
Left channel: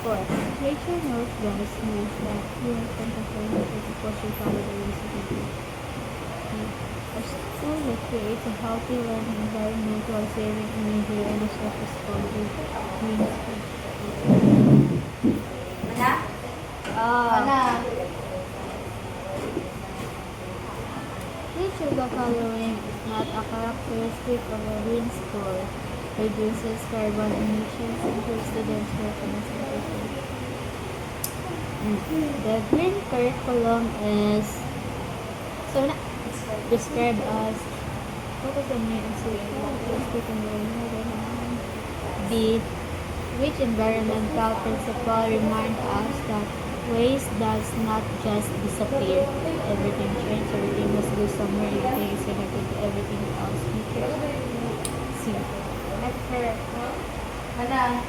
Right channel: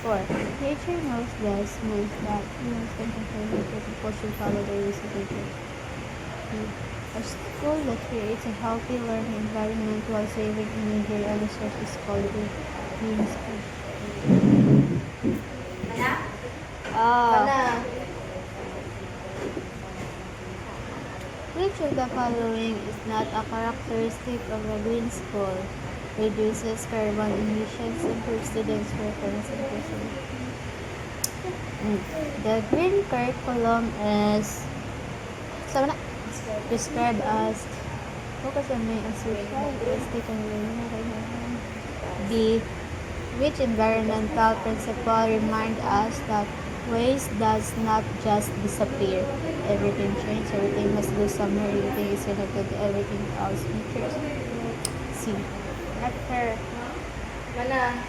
4. Nature knows best moves that humans can control nature to push and follow the rules of nature. A school that creates a healthy learning environment while saving energy and resources called a green school. Na? Ah. Which of the following is not a characteristic of a green school? Reduces carbon emissions, improves students' work concentration. The green curriculum is described as focus on main characteristic and environment. B. Which environmental principle remind us that waste does not just disappear. Everything changes, everything must go somewhere, everything is connected to everything else. C. After. Mana?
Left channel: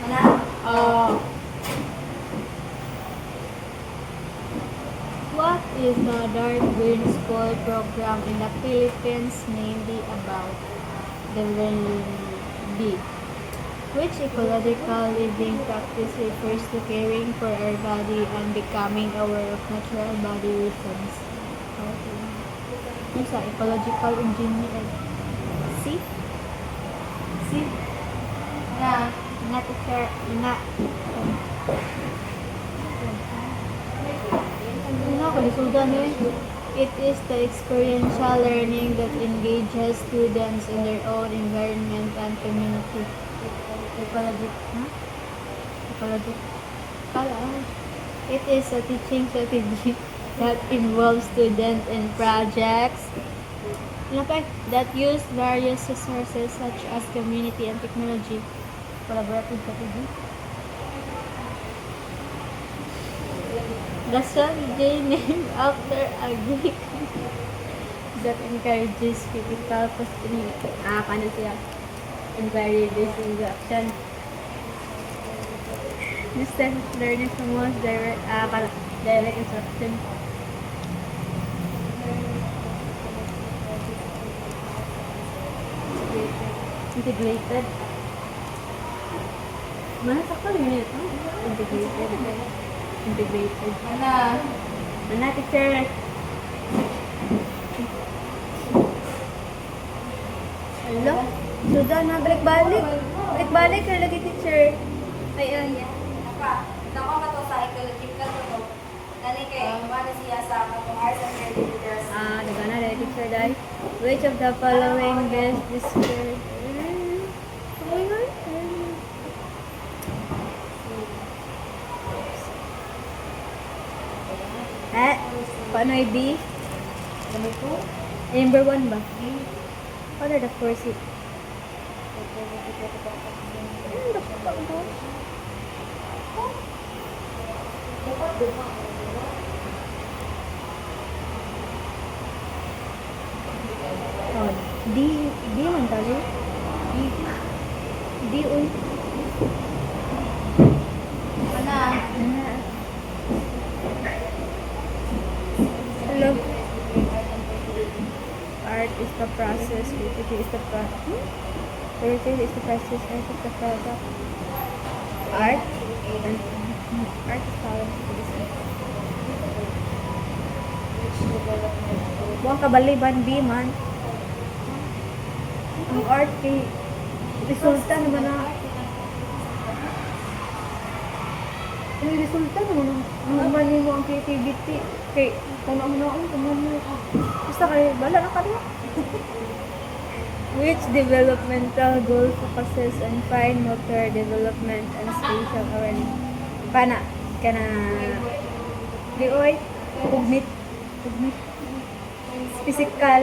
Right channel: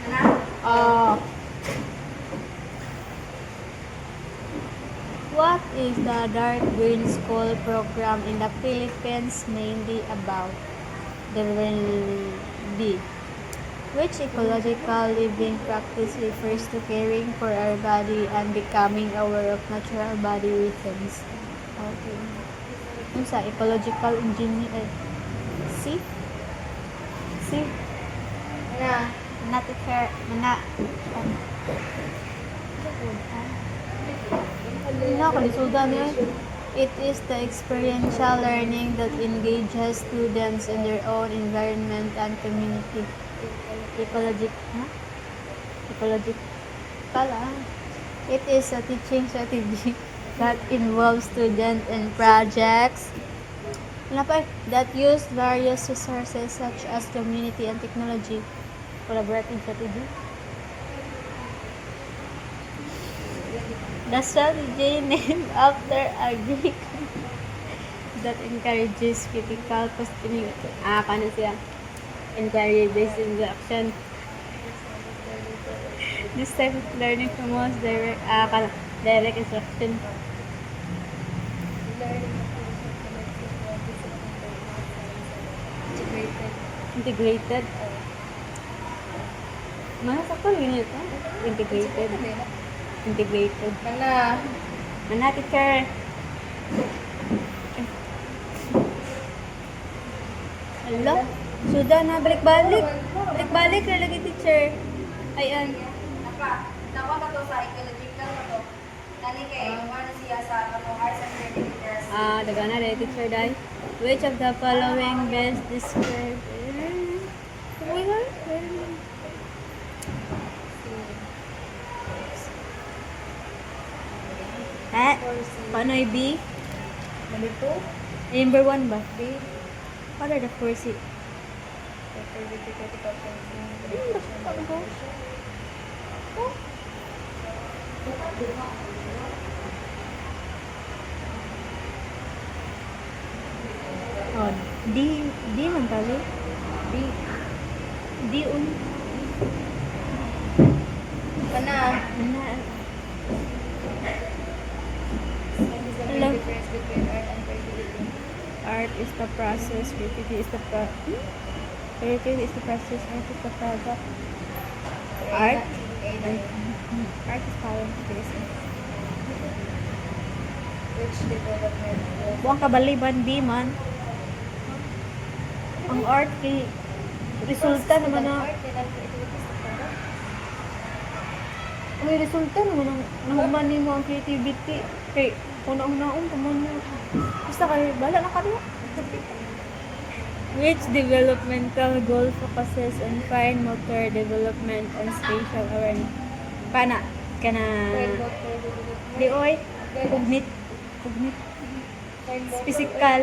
Mana? What is the Dark Green School program in the Philippines mainly about? The B. Which ecological living practice refers to caring for our body and becoming aware of natural body rhythms? Okay. Yung sa ecological engineering. C? C? Na? Not to share. Not. It is the experiential learning that engages students in their own environment and community. It is a teaching strategy that involves students in projects that use various resources such as community and technology. Collaborative strategy. The strategy named after a Greek that encourages critical questioning. Paano siya? Encourages induction. This type of learning promotes direct instruction. Integrated. Mana sakto yun ito? Integrated. Integrated. Mana teacher? Hello? Sudah na, balik-balik. Balik-balik na lagi teacher. Ayan. Napa na to sa ecological to. Nani kay mana siya sa atong arts and creative leaders. Daga na dahil teacher dahil. Which of the following best describe? Paano yung B? Ganito? Number 1 ba? What are the first it? Oh, D man tali. D un. Kana? Hello. Art is the process, creativity is the process. Creativity is the process, art is the product. Art and art is power. Buang kabaliban B man. Ang art kay resulta naman na. Ang resulta naman ang naman mo ang creativity. Okay, una. Basta kayo, bala na kami. Which developmental goal focuses on fine motor development and spatial awareness? Kana di oy, cognit, physical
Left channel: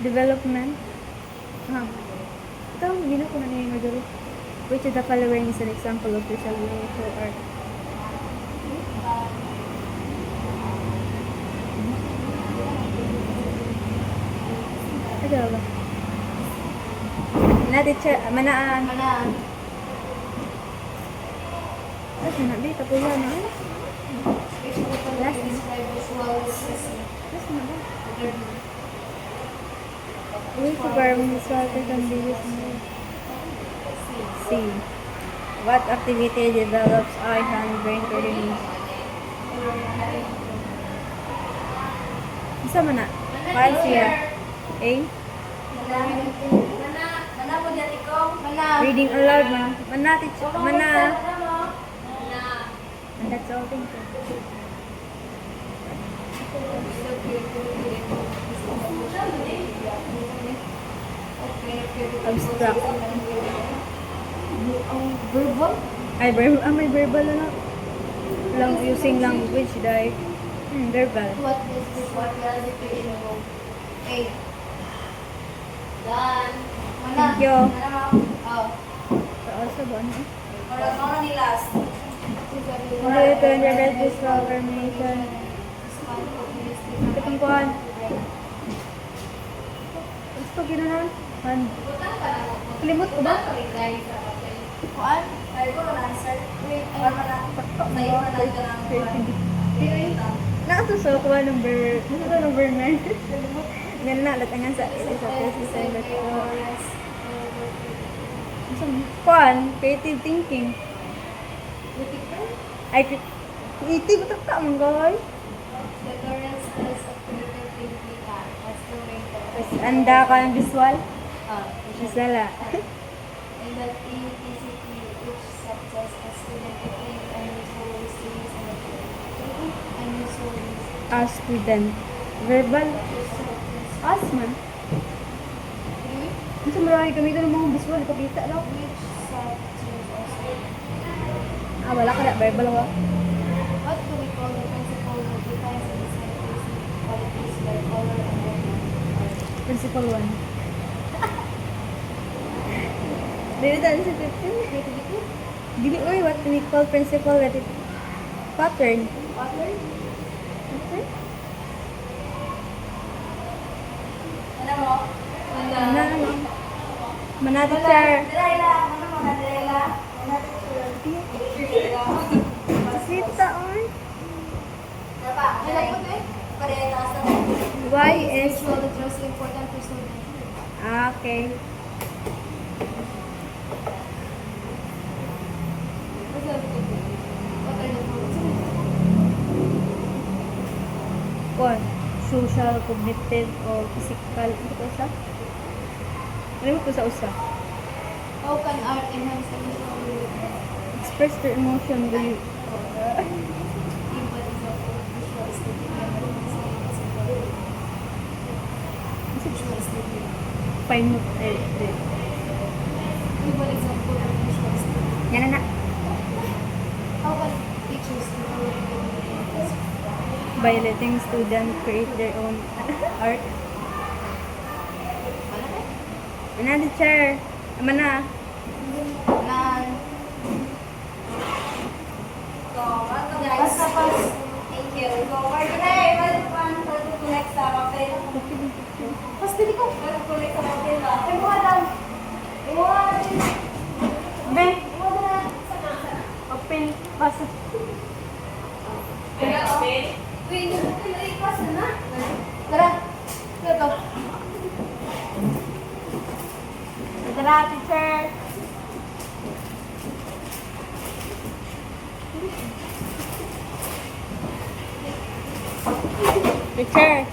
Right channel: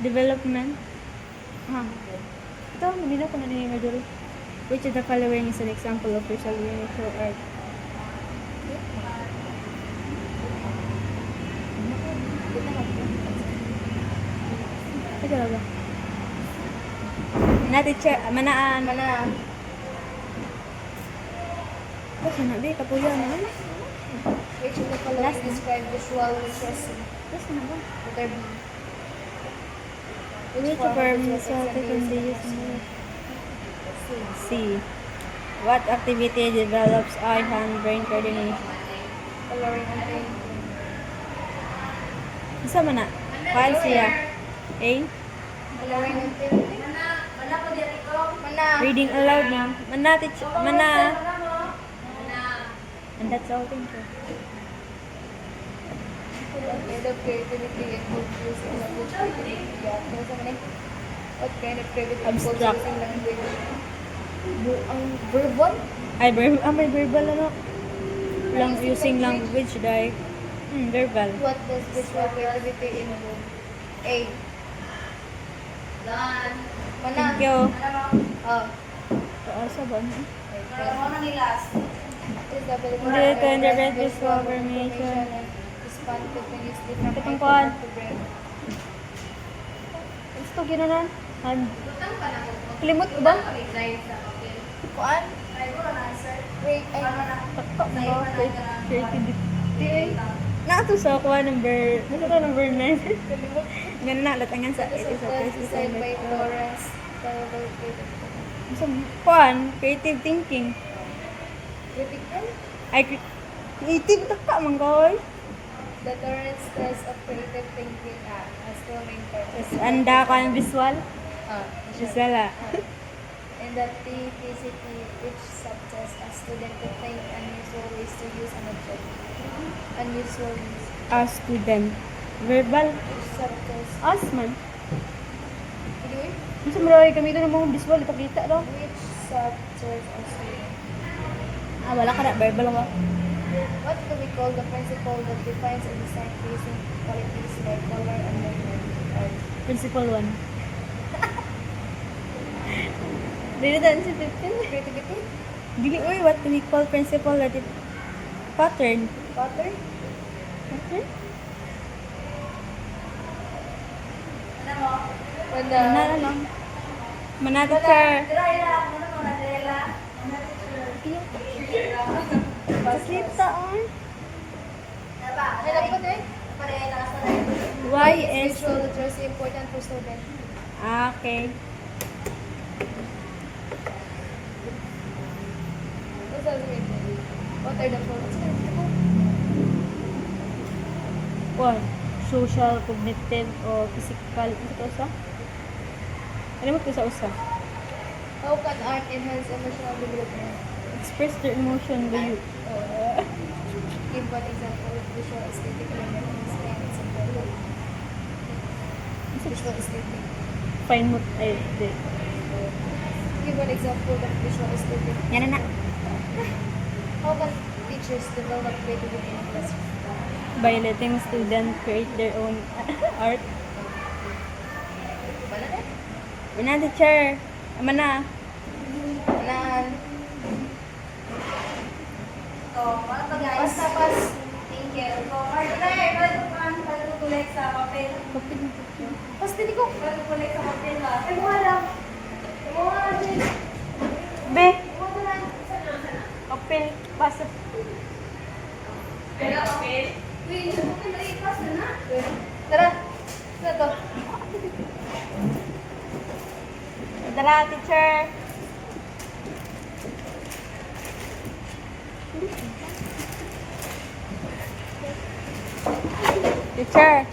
development. Ha. Ito, hindi na ko na nahimagduro. Which of the following is an example of visual universal art? Ito wala. Manaan. Ay, sinabi, kapulan na yun. Which of the following describe visual processing? Tapos na ba? Which verb is water conditions more? C. What activity develops eye-hand-brain coordination? Isa man na? Paano siya? A. Mana po dyan ikaw? Reading aloud na. Mana. And that's all. Thank you. Abstract. Verbal? Ay, may verbal ano? Using language, dahil. Verbal. What does visual reality involve? A. Done. Thank you. Oh. Asa ba ano? Parang mo na ni last. Hindi ito interpret visual information. Kapag kuhan. Gusto ginana? Hand. Kalimot ko ba? What? Ay, ko na answer. Wait, Ano na? Sa'yo na lang ka lang. Naato sa kuha number 9. Ganun na, latangan sa kuhan, creative thinking. Ay, creative ito ka, manggoy. The Torrance test of creative thinking as the winter. Tapos, anda ko ang visual. Visual ah. In that thing, basically, which subjects a student to think unusual ways to use nature. Unusual ways. A student. Verbal. Which subjects. As man. Anyway, Gusto mo rin kami ng mga visual. Ipakita lang. which subjects a student. Wala ka na. Verbal ako. What do we call the principle that defines and decides basic qualities like color and movement? Principle 1. Dili dan si 15. Creativity? Dili, uy, what we call principle with it. Pattern. Pattern? Okay. Ano mo? Ano? Manata chair. Dirayla. Ano mo na dirayla? Paslita on. Ano ba? Hello po, Tay. Pareha na sa tayo. Why Is is... visual literacy important for students? Okay. What are the forms? What? Social, cognitive, o physical. Ano ko sa? Ano mo ko sa usa? How can art enhance emotional development? Express their emotion with you. Give one example of visual aesthetic science and value. Visual aesthetic. Find mo. Give one example of visual aesthetic. Yan na. How can teachers develop creativity? By letting students create their own art. Ano teacher? Mana? So, ano ba guys? Pas na pas. Thank you. So, Martinay, balik pa ang collect sa papel. Pas din ko. Collect sa papel ba? Ay, mukha daw. Mukha din. Be, Mukha na. open, basta. Papel? Wait, ipas na na. Tara. Ito. Tara, teacher. Teacher.